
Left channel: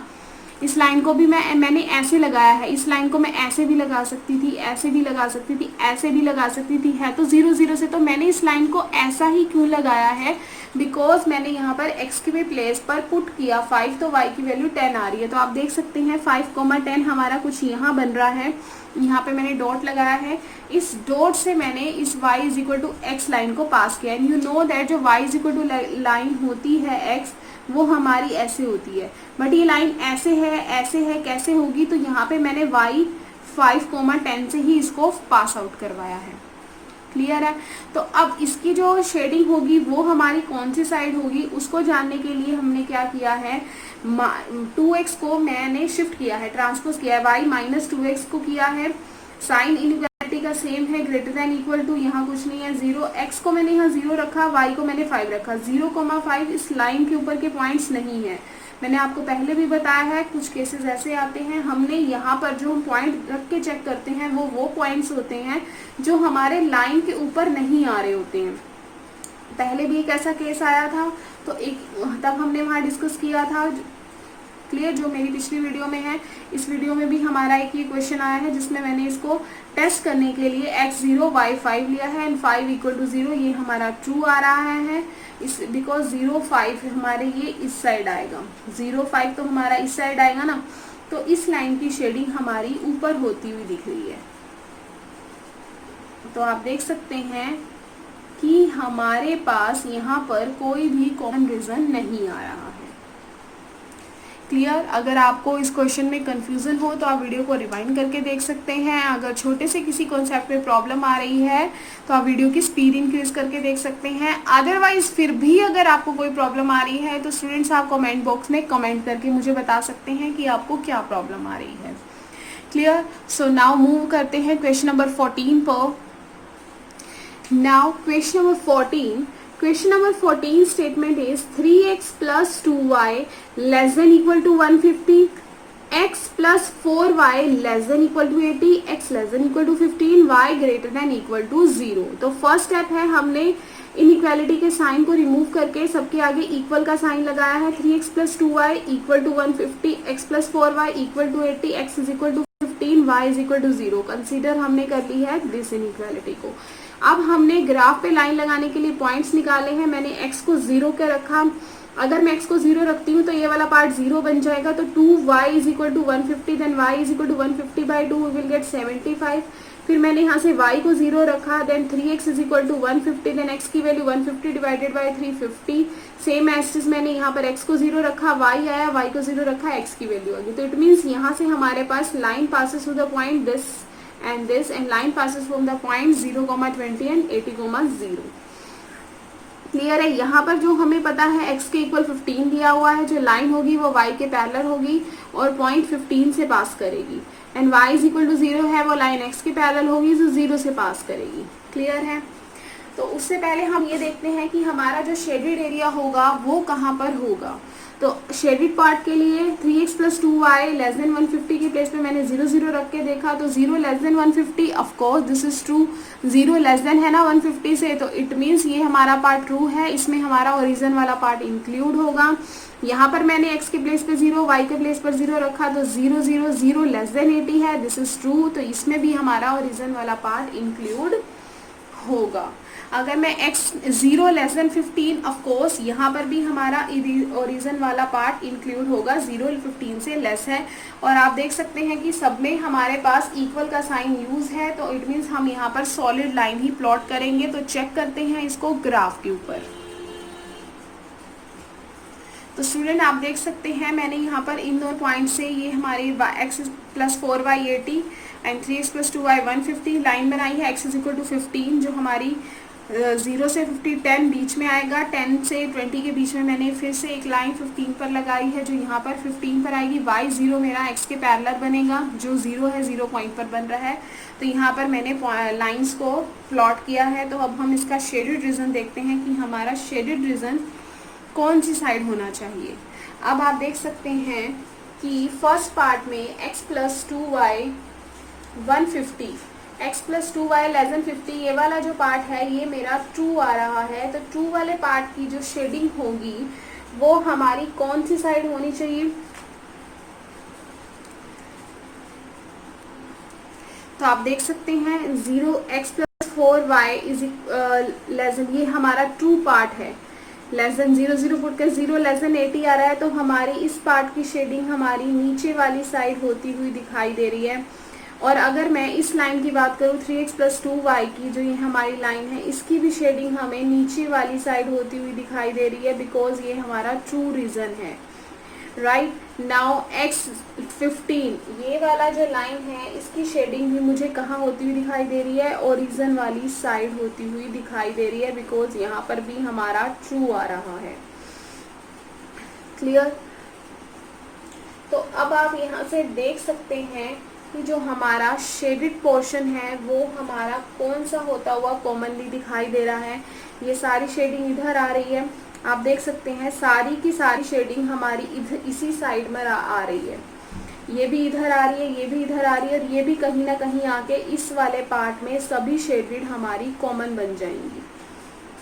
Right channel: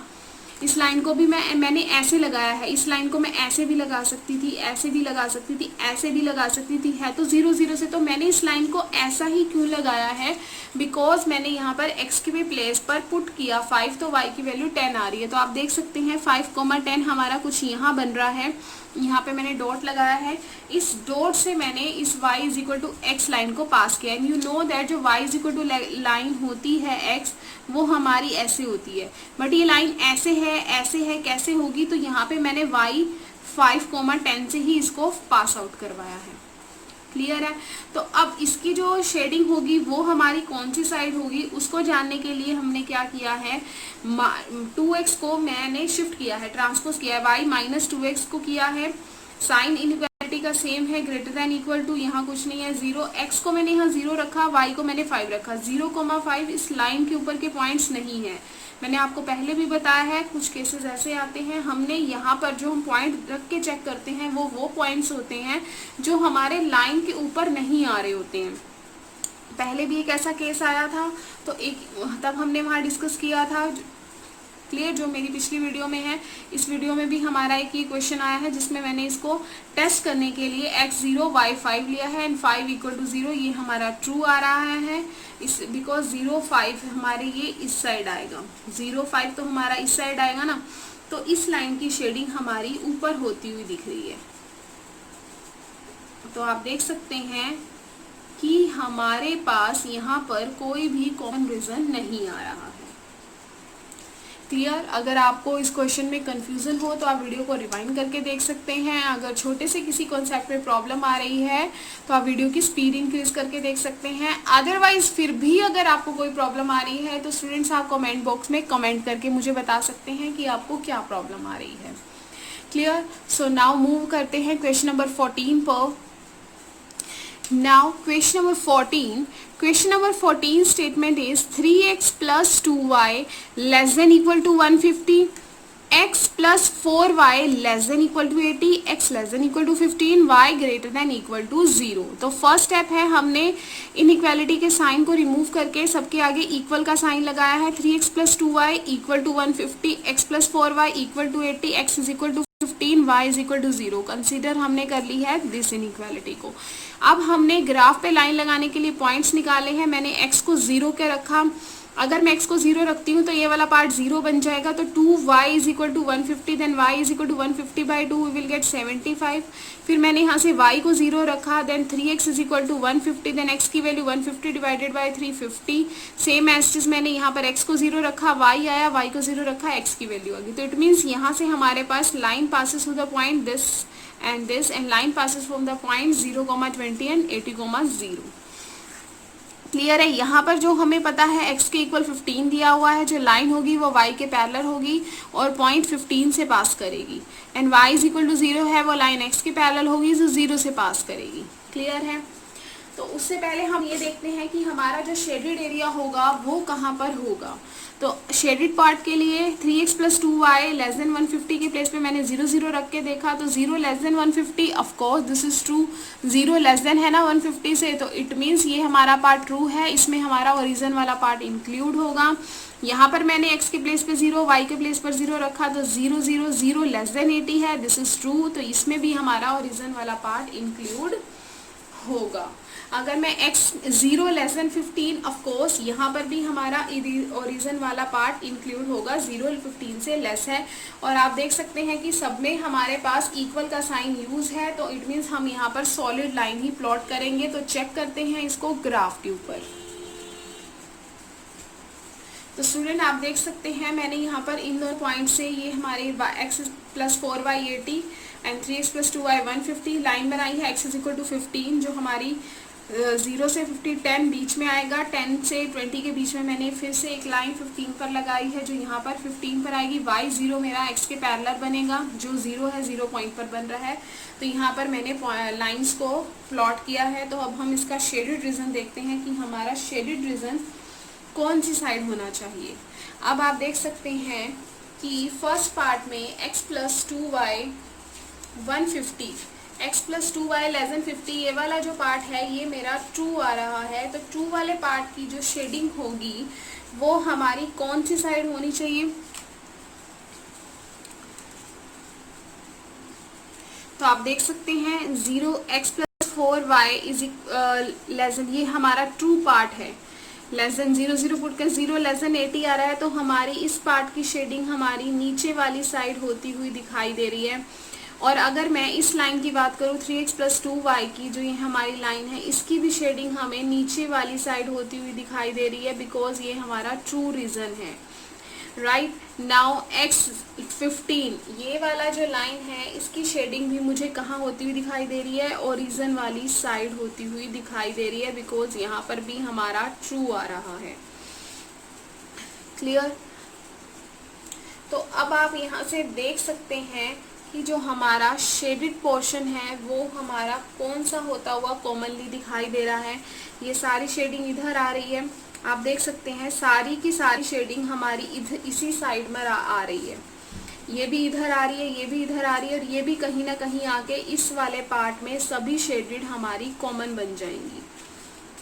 इस लाइन को भी मैंने ऐसे लगाया है, इस लाइन को मैं ऐसे भी लगा सकती थी, ऐसे भी लगा सकती थी, ऐसे भी लगा सकती थी, है तो 0 0 से। तो मैंने इस लाइन को ऐसा ही क्यों लगाया है, बिकॉज मैंने यहाँ पर x के प्लेस पर पुट किया 5, तो y की वैल्यू 10 आ रही है। तो आप देख सकते हैं 5,10 हमारा कुछ यहाँ बन रहा है, यहाँ पे मैंने डॉट लगाया है, इस डॉट से मैंने इस y is equal to x line को पास किया। एंड यू नो दैट जो y is equal to line होती है x, वो हमारी ऐसे होती है, बट ये लाइन ऐसे है, कैसे होगी, तो यहाँ पे मैंने y 5,10 से ही इसको पास आउट करवाया है। क्लियर है? तो अब इसकी जो शेडिंग होगी वो हमारी कौन सी साइड होगी, उसको जानने के लिए हमने क्या किया है, 2x को मैंने शिफ्ट किया है, ट्रांसपोज किया है, y माइनस 2x को किया है। साइन इनइक्वालिटी का सेम है, ग्रेटर देन इक्वल टू, यहाँ कुछ नहीं है, 0, x को मैंने यहाँ 0 रखा, y को मैंने 5 रखा। 0,5 इस लाइन के ऊपर के पॉइंट्स नहीं है, मैंने आपको पहले भी बताया है। कुछ केसेस ऐसे आते हैं, हमने यहाँ पर जो हम पॉइंट रख के चेक करते हैं वो पॉइंट्स होते हैं जो हमारे लाइन के ऊपर नहीं आ रहे होते हैं। पहले भी एक ऐसा केस आया था, तो तब हमने वहाँ डिस्कस किया था। क्लियर? जो मेरी पिछली वीडियो में है, इस वीडियो में भी हमारा एक ये क्वेश्चन आया है जिसमें मैंने इसको टेस्ट करने के लिए x0 y5 लिया है एंड 5 इक्वल टू 0, ये हमारा ट्रू आ रहा है इस, बिकॉज 0 5 हमारे ये इस साइड आएगा, 0 5 तो हमारा इस साइड आएगा ना, तो इस लाइन की शेडिंग हमारी ऊपर होती हुई दिख रही है। तो आप देख सकते हैं कि हमारे पास यहाँ पर कोई भी कॉमन रीजन नहीं आ रहा है। क्लियर? अगर आपको इस क्वेश्चन में कंफ्यूजन हो तो आप वीडियो को रिवाइंड करके देख सकते हैं। अगर छोटे से किसी कॉन्सेप्ट में प्रॉब्लम आ रही है तो आप वीडियो की स्पीड इंक्रीज करके देख सकते हैं। अदरवाइज फिर भी अगर आपको कोई प्रॉब्लम आ रही है तो स्टूडेंट्स आप कमेंट बॉक्स में कमेंट करके मुझे बता सकते हैं कि आपको क्या प्रॉब्लम आ रही है। क्लियर? सो नाउ मूव करते हैं क्वेश्चन नंबर 14 पर। Now question number 14. Question number 14 statement is 3x plus 2y less than equal to 150, x plus 4y less than equal to 80, x less than equal to 15, y greater than equal to 0. तो first step है, हमने inequality के sign को remove करके सबके आगे equal का sign लगाया है। 3x plus 2y equal to 150, x plus 4y equal to 80, x is equal to 15, y is equal to 0। Consider हमने कर ली है दिस इनइक्वालिटी को। अब हमने ग्राफ पे लाइन लगाने के लिए पॉइंट्स निकाले हैं। मैंने x को 0 के रखा। अगर मैं x को 0 रखती हूँ तो ये वाला पार्ट 0 बन जाएगा। तो 2y is equal to 150, then y is equal to 150 by 2 we will get 75। फिर मैंने यहाँ से y को 0 रखा, then 3x is equal to 150, then x की value 150 divided by 350। Same as मैंने यहाँ पर x को 0 रखा, y आया, y को 0 रखा, x की वैल्यू आ गई। तो इट मीन्स यहाँ से हमारे पास line passes through the point this and this, and line passes from the point 0, 20 and 80, 0। Clear है? यहाँ पर जो हमें पता है x के इक्वल 15 दिया हुआ है, जो लाइन होगी वो y के पैरेलल होगी और पॉइंट 15 से पास करेगी, and y is equal to 0 है, वो लाइन x के पैरेलल होगी जो 0 से पास करेगी। क्लियर है? तो उससे पहले हम ये देखते हैं कि हमारा जो शेडेड एरिया होगा वो कहाँ पर होगा। तो शेडेड पार्ट के लिए 3x plus 2y less then 150 के प्लेस पे मैंने 0 0 रख के देखा, तो 0 less then 150, of course this is true. 0 less then है ना 150 से, तो इट मीन्स ये हमारा पार्ट ट्रू है, इसमें हमारा ओरिजिन वाला पार्ट इंक्लूड होगा। यहाँ पर मैंने x के प्लेस पे 0, y के प्लेस पर 0 रखा, तो 0 0 0 लेस देन 80 है, दिस इज ट्रू। तो इसमें भी हमारा ओरिजिन वाला पार्ट इंक्लूड होगा। अगर मैं x 0 less then 15, of course यहाँ पर भी हमारा ओरिजिन वाला पार्ट इंक्लूड होगा, 0 15 से लेस है। और आप देख सकते हैं कि सब में हमारे पास इक्वल का साइन यूज है, तो इट मीन्स हम यहाँ पर सॉलिड लाइन ही प्लॉट करेंगे। तो चेक करते हैं इसको ग्राफ के ऊपर। तो स्टूडेंट आप देख सकते हैं मैंने यहाँ पर इन दो पॉइंट से ये हमारी x plus 4y 80 and 3x plus 2y 150 line बनाई है। x इज इक्वल टू 15, जो हमारी 0 से 50 10 बीच में आएगा, 10 से 20 के बीच में मैंने फिर से एक लाइन 15 पर लगाई है जो यहाँ पर 15 पर आएगी। y 0 मेरा x के पैरेलल बनेगा, जो 0 है 0 पॉइंट पर बन रहा है। तो यहाँ पर मैंने लाइंस को प्लॉट किया है। तो अब हम इसका शेडेड रीजन देखते हैं कि हमारा शेडेड रीजन कौन सी साइड होना चाहिए। अब आप देख सकते हैं कि फर्स्ट पार्ट में x plus 2y 150, x plus 2y less then 50, ये वाला जो पार्ट है ये मेरा ट्रू आ रहा है। तो ट्रू वाले पार्ट की जो शेडिंग होगी वो हमारी कौन सी साइड होनी चाहिए। तो आप देख सकते हैं 0x plus 4y is less than, ये हमारा ट्रू पार्ट है। लेस देन 0 0 पुट के 0 लेस देन 80 आ रहा है, तो हमारी इस पार्ट की शेडिंग हमारी नीचे वाली साइड होती हुई दिखाई दे रही है। और अगर मैं इस लाइन की बात करूँ 3x प्लस 2y की, जो ये हमारी लाइन है, इसकी भी शेडिंग हमें नीचे वाली साइड होती हुई दिखाई दे रही है, बिकॉज ये हमारा ट्रू रीजन है। राइट नाउ x 15, ये वाला जो लाइन है इसकी शेडिंग भी मुझे कहाँ होती हुई दिखाई दे रही है, ओरिजिन वाली साइड होती हुई दिखाई दे रही है, बिकॉज यहाँ पर भी हमारा ट्रू आ रहा है। क्लियर? तो अब आप यहाँ से देख सकते हैं कि जो हमारा शेडेड पोर्शन है वो हमारा कौन सा होता हुआ कॉमनली दिखाई दे रहा है। ये सारी शेडिंग इधर आ रही है, आप देख सकते हैं सारी की सारी शेडिंग हमारी इधर इसी साइड में आ रही है। ये भी इधर आ रही है, ये भी इधर आ रही है, और ये भी कहीं ना कहीं आके इस वाले पार्ट में सभी शेडेड हमारी कॉमन बन जाएंगी।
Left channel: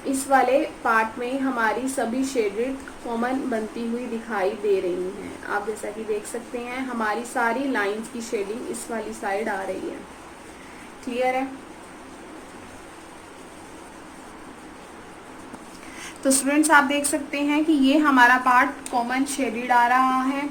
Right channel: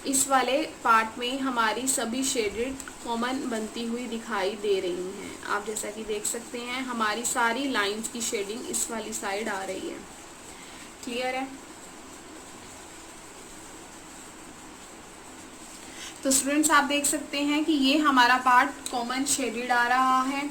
इस वाले पार्ट में हमारी सभी शेडेड कॉमन बनती हुई दिखाई दे रही हैं। आप जैसा कि देख सकते हैं हमारी सारी लाइंस की शेडिंग इस वाली साइड आ रही है। क्लियर है? तो स्टूडेंट्स आप देख सकते हैं कि ये हमारा पार्ट कॉमन शेडेड आ रहा है।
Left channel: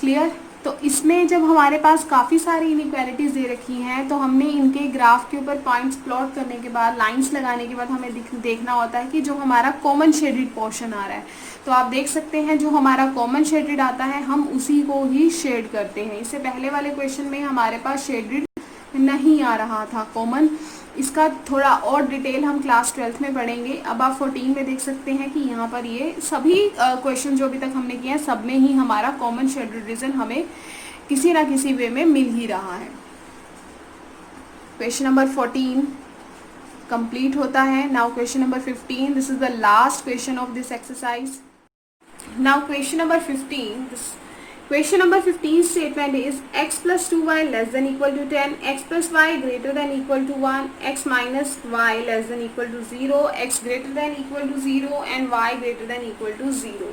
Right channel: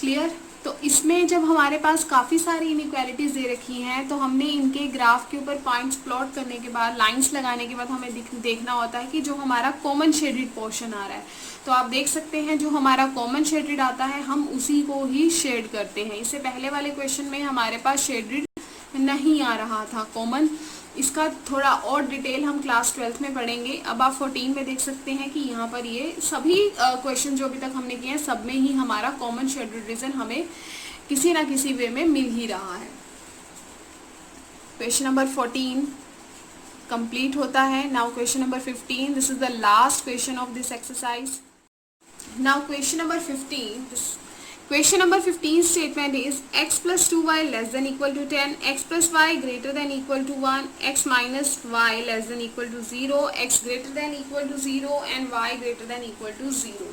क्लियर? तो इसमें जब हमारे पास काफ़ी सारी इनइक्वालिटीज़ दे रखी हैं तो हमने इनके ग्राफ के ऊपर पॉइंट्स प्लॉट करने के बाद, लाइंस लगाने के बाद हमें देखना होता है कि जो हमारा कॉमन शेडेड पोर्शन आ रहा है, तो आप देख सकते हैं जो हमारा कॉमन शेडेड आता है हम उसी को ही शेड करते हैं। इससे पहले वाले क्वेश्चन में हमारे पास शेडेड नहीं आ रहा था कॉमन, इसका थोड़ा और डिटेल हम क्लास 12th में पढ़ेंगे। अब आप 14 में देख सकते हैं कि यहाँ पर ये सभी क्वेश्चन जो अभी तक हमने किए हैं सब में ही हमारा कॉमन शेडेड रीजन हमें किसी ना किसी वे में मिल ही रहा है। क्वेश्चन नंबर 14 कंप्लीट होता है। Now question number 15, this is the last question of this exercise. Now question number 15, question number 15 statement is x plus 2y less than equal to 10, x plus y greater than equal to 1, x minus y less than equal to 0, x greater than equal to 0 and y greater than equal to 0।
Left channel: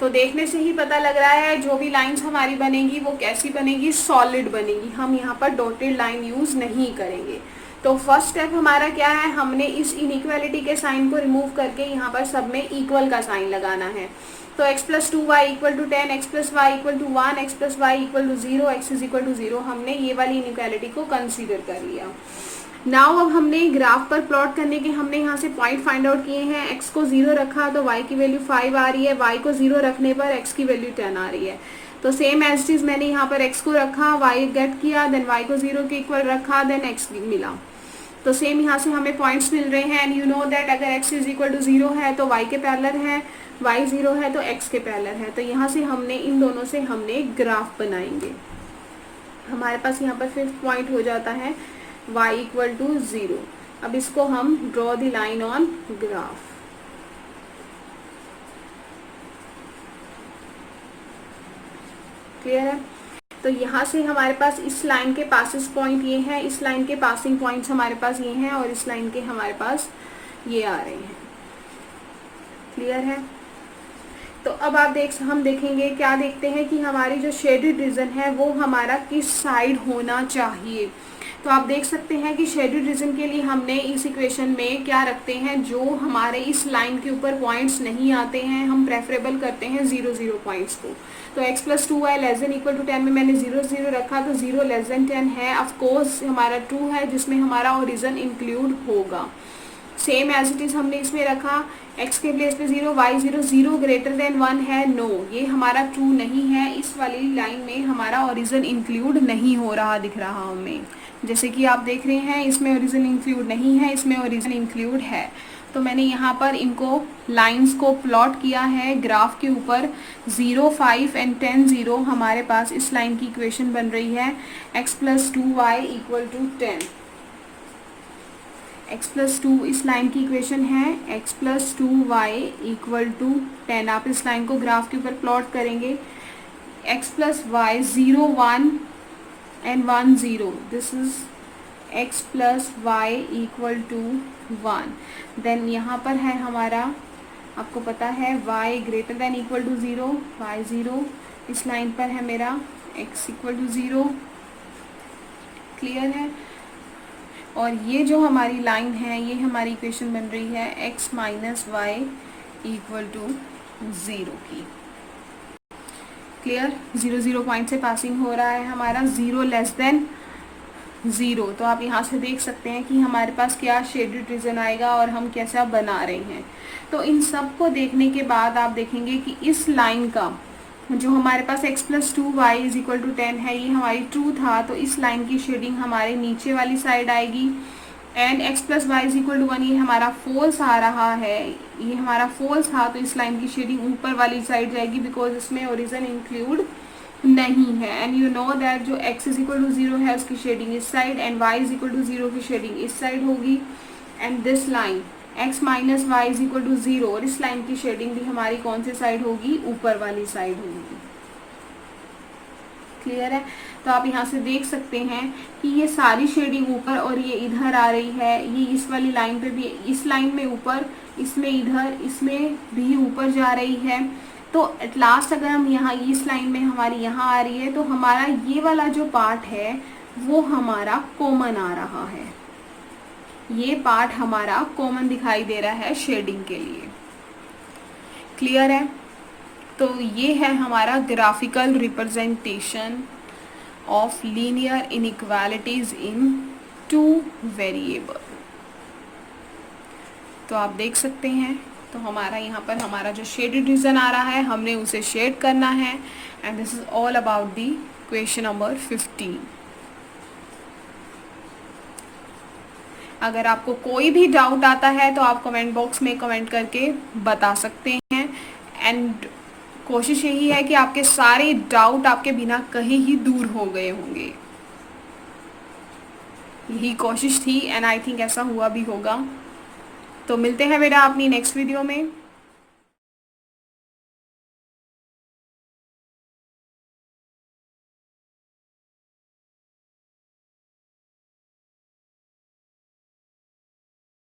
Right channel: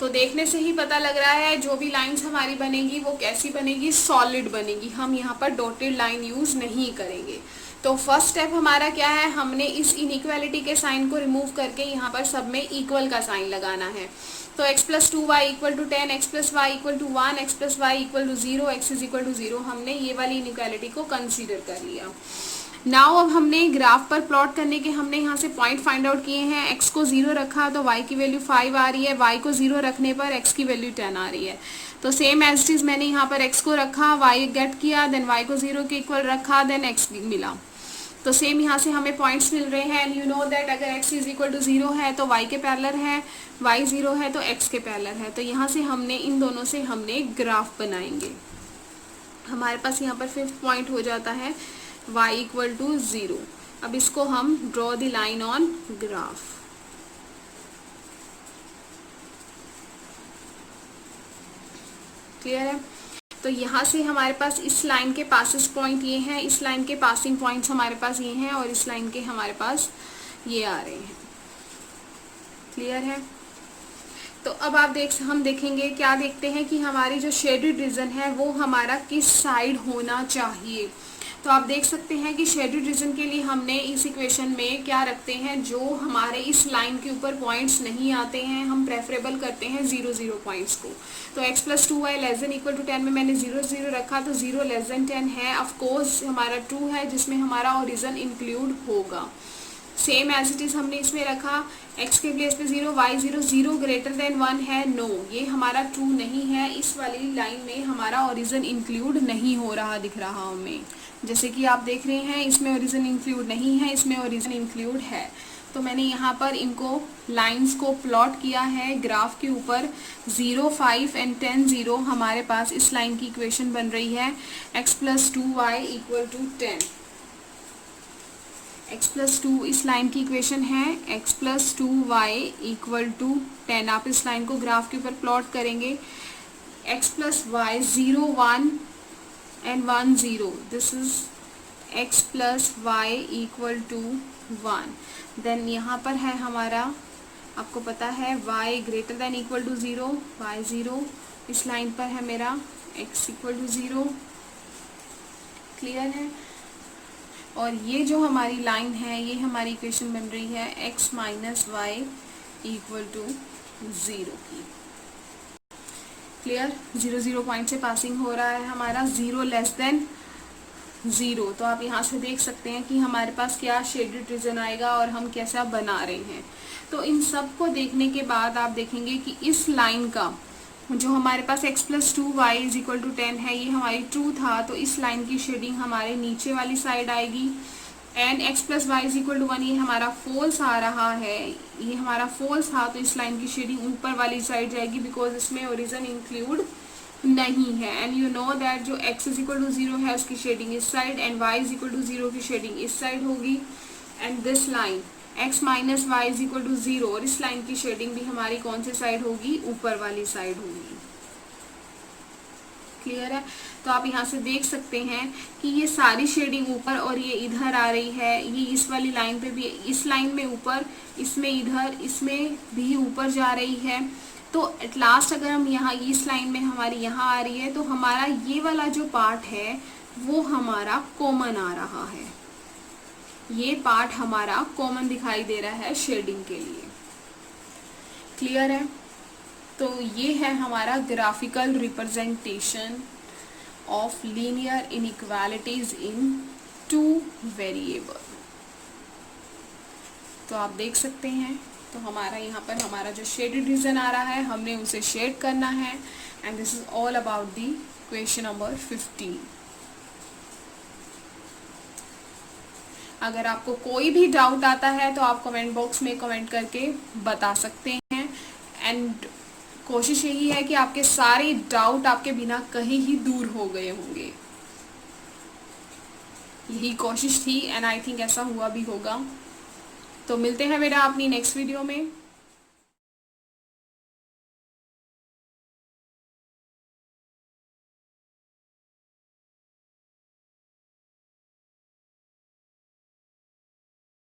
तो देखने से ही पता लग रहा है जो भी lines हमारी बनेगी वो कैसी बनेगी, सॉलिड बनेगी। हम यहाँ पर डॉटेड लाइन यूज नहीं करेंगे। तो फर्स्ट स्टेप हमारा क्या है, हमने इस इनइक्वालिटी के साइन को रिमूव करके यहाँ पर सब में इक्वल का साइन लगाना है। तो x plus 2y equal to 10, x plus y equal to 1, x plus y equal to 0, x is equal to 0, हमने ये वाली इनइक्वालिटी को कंसीडर कर लिया। नाउ अब हमने ग्राफ पर प्लॉट करने के हमने यहाँ से पॉइंट फाइंड आउट किए हैं। x को 0 रखा तो y की वैल्यू 5 आ रही है, y को 0 रखने पर x की वैल्यू 10 आ रही है। तो सेम एज इट इज मैंने यहाँ पर x को रखा, y गेट किया, देन y को 0 के इक्वल रखा, देन x मिला। तो सेम यहाँ से हमें पॉइंट्स मिल रहे हैं। एंड यू नो दैट अगर x इज इक्वल टू 0 है तो y के पैरेलल है, y 0 है तो x के पैरेलल है। तो यहाँ से हमने इन दोनों से हमने ग्राफ बनाएंगे। हमारे पास यहाँ पर 5th पॉइंट हो जाता है y इक्वल टू 0। अब इसको हम draw the line on graph. Clear है? तो यहाँ से हमारे पास इस लाइन के पासिस पॉइंट ये हैं, इस लाइन के पासिंग पॉइंट्स हमारे पास ये हैं और इस लाइन के हमारे पास ये आ रहे हैं। क्लियर है? तो अब आप हम देखेंगे, क्या देखते हैं कि हमारी जो शेडेड रीजन है वो हमारा किस साइड होना चाहिए। तो आप देख सकते हैं कि शेडेड रीजन के लिए हमने इस इक्वेशन में क्या रखते हैं, जो हमारे इस लाइन के ऊपर पॉइंट्स नहीं आते हैं हम प्रेफरेबल करते हैं 0 0 पॉइंट्स को। तो x plus 2y less than equal to 10 में मैंने 0 0 रखा, तो 0 लेस देन 10 है, ऑफ कोर्स हमारा ट्रू है जिसमें हमारा ओरिजिन इंक्लूड होगा। सेम एज इट इज हमने इसमें रखा, x के प्लेस पे 0, y 0, 0 ग्रेटर देन 1 है, नो ये हमारा ट्रू नहीं है। इस वाली लाइन में हमारा ओरिजिन इंक्लूड नहीं हो रहा दिख रहा हमें, जैसे कि आप देख रहे हैं इसमें ओरिजिन इंक्लूड नहीं है, इसमें ओरिजिन इंक्लूड है। तो मैंने यहाँ पर इनको लाइंस को प्लॉट किया है ग्राफ के ऊपर। 0, 5 एंड 10, 0 हमारे पास इस लाइन की इक्वेशन बन रही है। x plus 2y equal to 10, x plus 2 इस लाइन की इक्वेशन है, x plus 2y equal to 10। आप इस लाइन को ग्राफ के ऊपर प्लॉट करेंगे, x plus Y 0, 1 and 1 0, this is x plus y equal to 1। Then यहाँ पर है हमारा, आपको पता है y greater than equal to 0, y 0, इस लाइन पर है मेरा x इक्वल टू 0। क्लियर है? और ये जो हमारी लाइन है ये हमारी इक्वेशन बन रही है x minus y equal to 0 की। क्लियर? 0 0 पॉइंट से पासिंग हो रहा है हमारा 0 लेस देन 0। तो आप यहाँ से देख सकते हैं कि हमारे पास क्या शेडेड रीजन आएगा और हम कैसा बना रहे हैं। तो इन सब को देखने के बाद आप देखेंगे कि इस लाइन का जो हमारे पास x plus 2y is equal to 10 है ये हमारी ट्रू था, तो इस लाइन की शेडिंग हमारे नीचे वाली साइड आएगी। And x plus y is equal to 1 ये हमारा फॉल्स आ रहा है, ये हमारा फॉल्स था, तो इस लाइन की शेडिंग ऊपर वाली साइड जाएगी बिकॉज इसमें ओरिजिन इंक्लूड नहीं है। एंड यू नो दैट जो x इज इक्वल टू 0 है उसकी शेडिंग इस side and y is equal to 0 की शेडिंग इस साइड होगी। And this line x minus y is equal to 0 और इस लाइन की शेडिंग भी हमारी कौन से साइड होगी, ऊपर वाली साइड होगी। क्लियर है? तो आप यहाँ से देख सकते हैं कि ये सारी शेडिंग ऊपर और ये इधर आ रही है, ये इस वाली लाइन पे भी, इस लाइन में ऊपर, इसमें इधर, इसमें भी ऊपर जा रही है। तो एट लास्ट अगर हम यहाँ इस लाइन में हमारी यहाँ आ रही है तो हमारा ये वाला जो पार्ट है वो हमारा कॉमन आ रहा है, ये पार्ट हमारा कॉमन दिखाई दे रहा है शेडिंग के लिए। क्लियर है? तो ये है हमारा graphical representation of linear inequalities in two variable. तो आप देख सकते हैं, तो हमारा यहाँ पर हमारा जो शेडेड रीजन आ रहा है हमने उसे शेड करना है। And this is all about the question number 15। अगर आपको कोई भी डाउट आता है तो आप कमेंट बॉक्स में कमेंट करके बता सकते हैं। एंड कोशिश यही है कि आपके सारे डाउट आपके बिना कहीं ही दूर हो गए होंगे, यही कोशिश थी। एंड आई थिंक ऐसा हुआ भी होगा। तो मिलते हैं बेटा अपनी नेक्स्ट वीडियो में।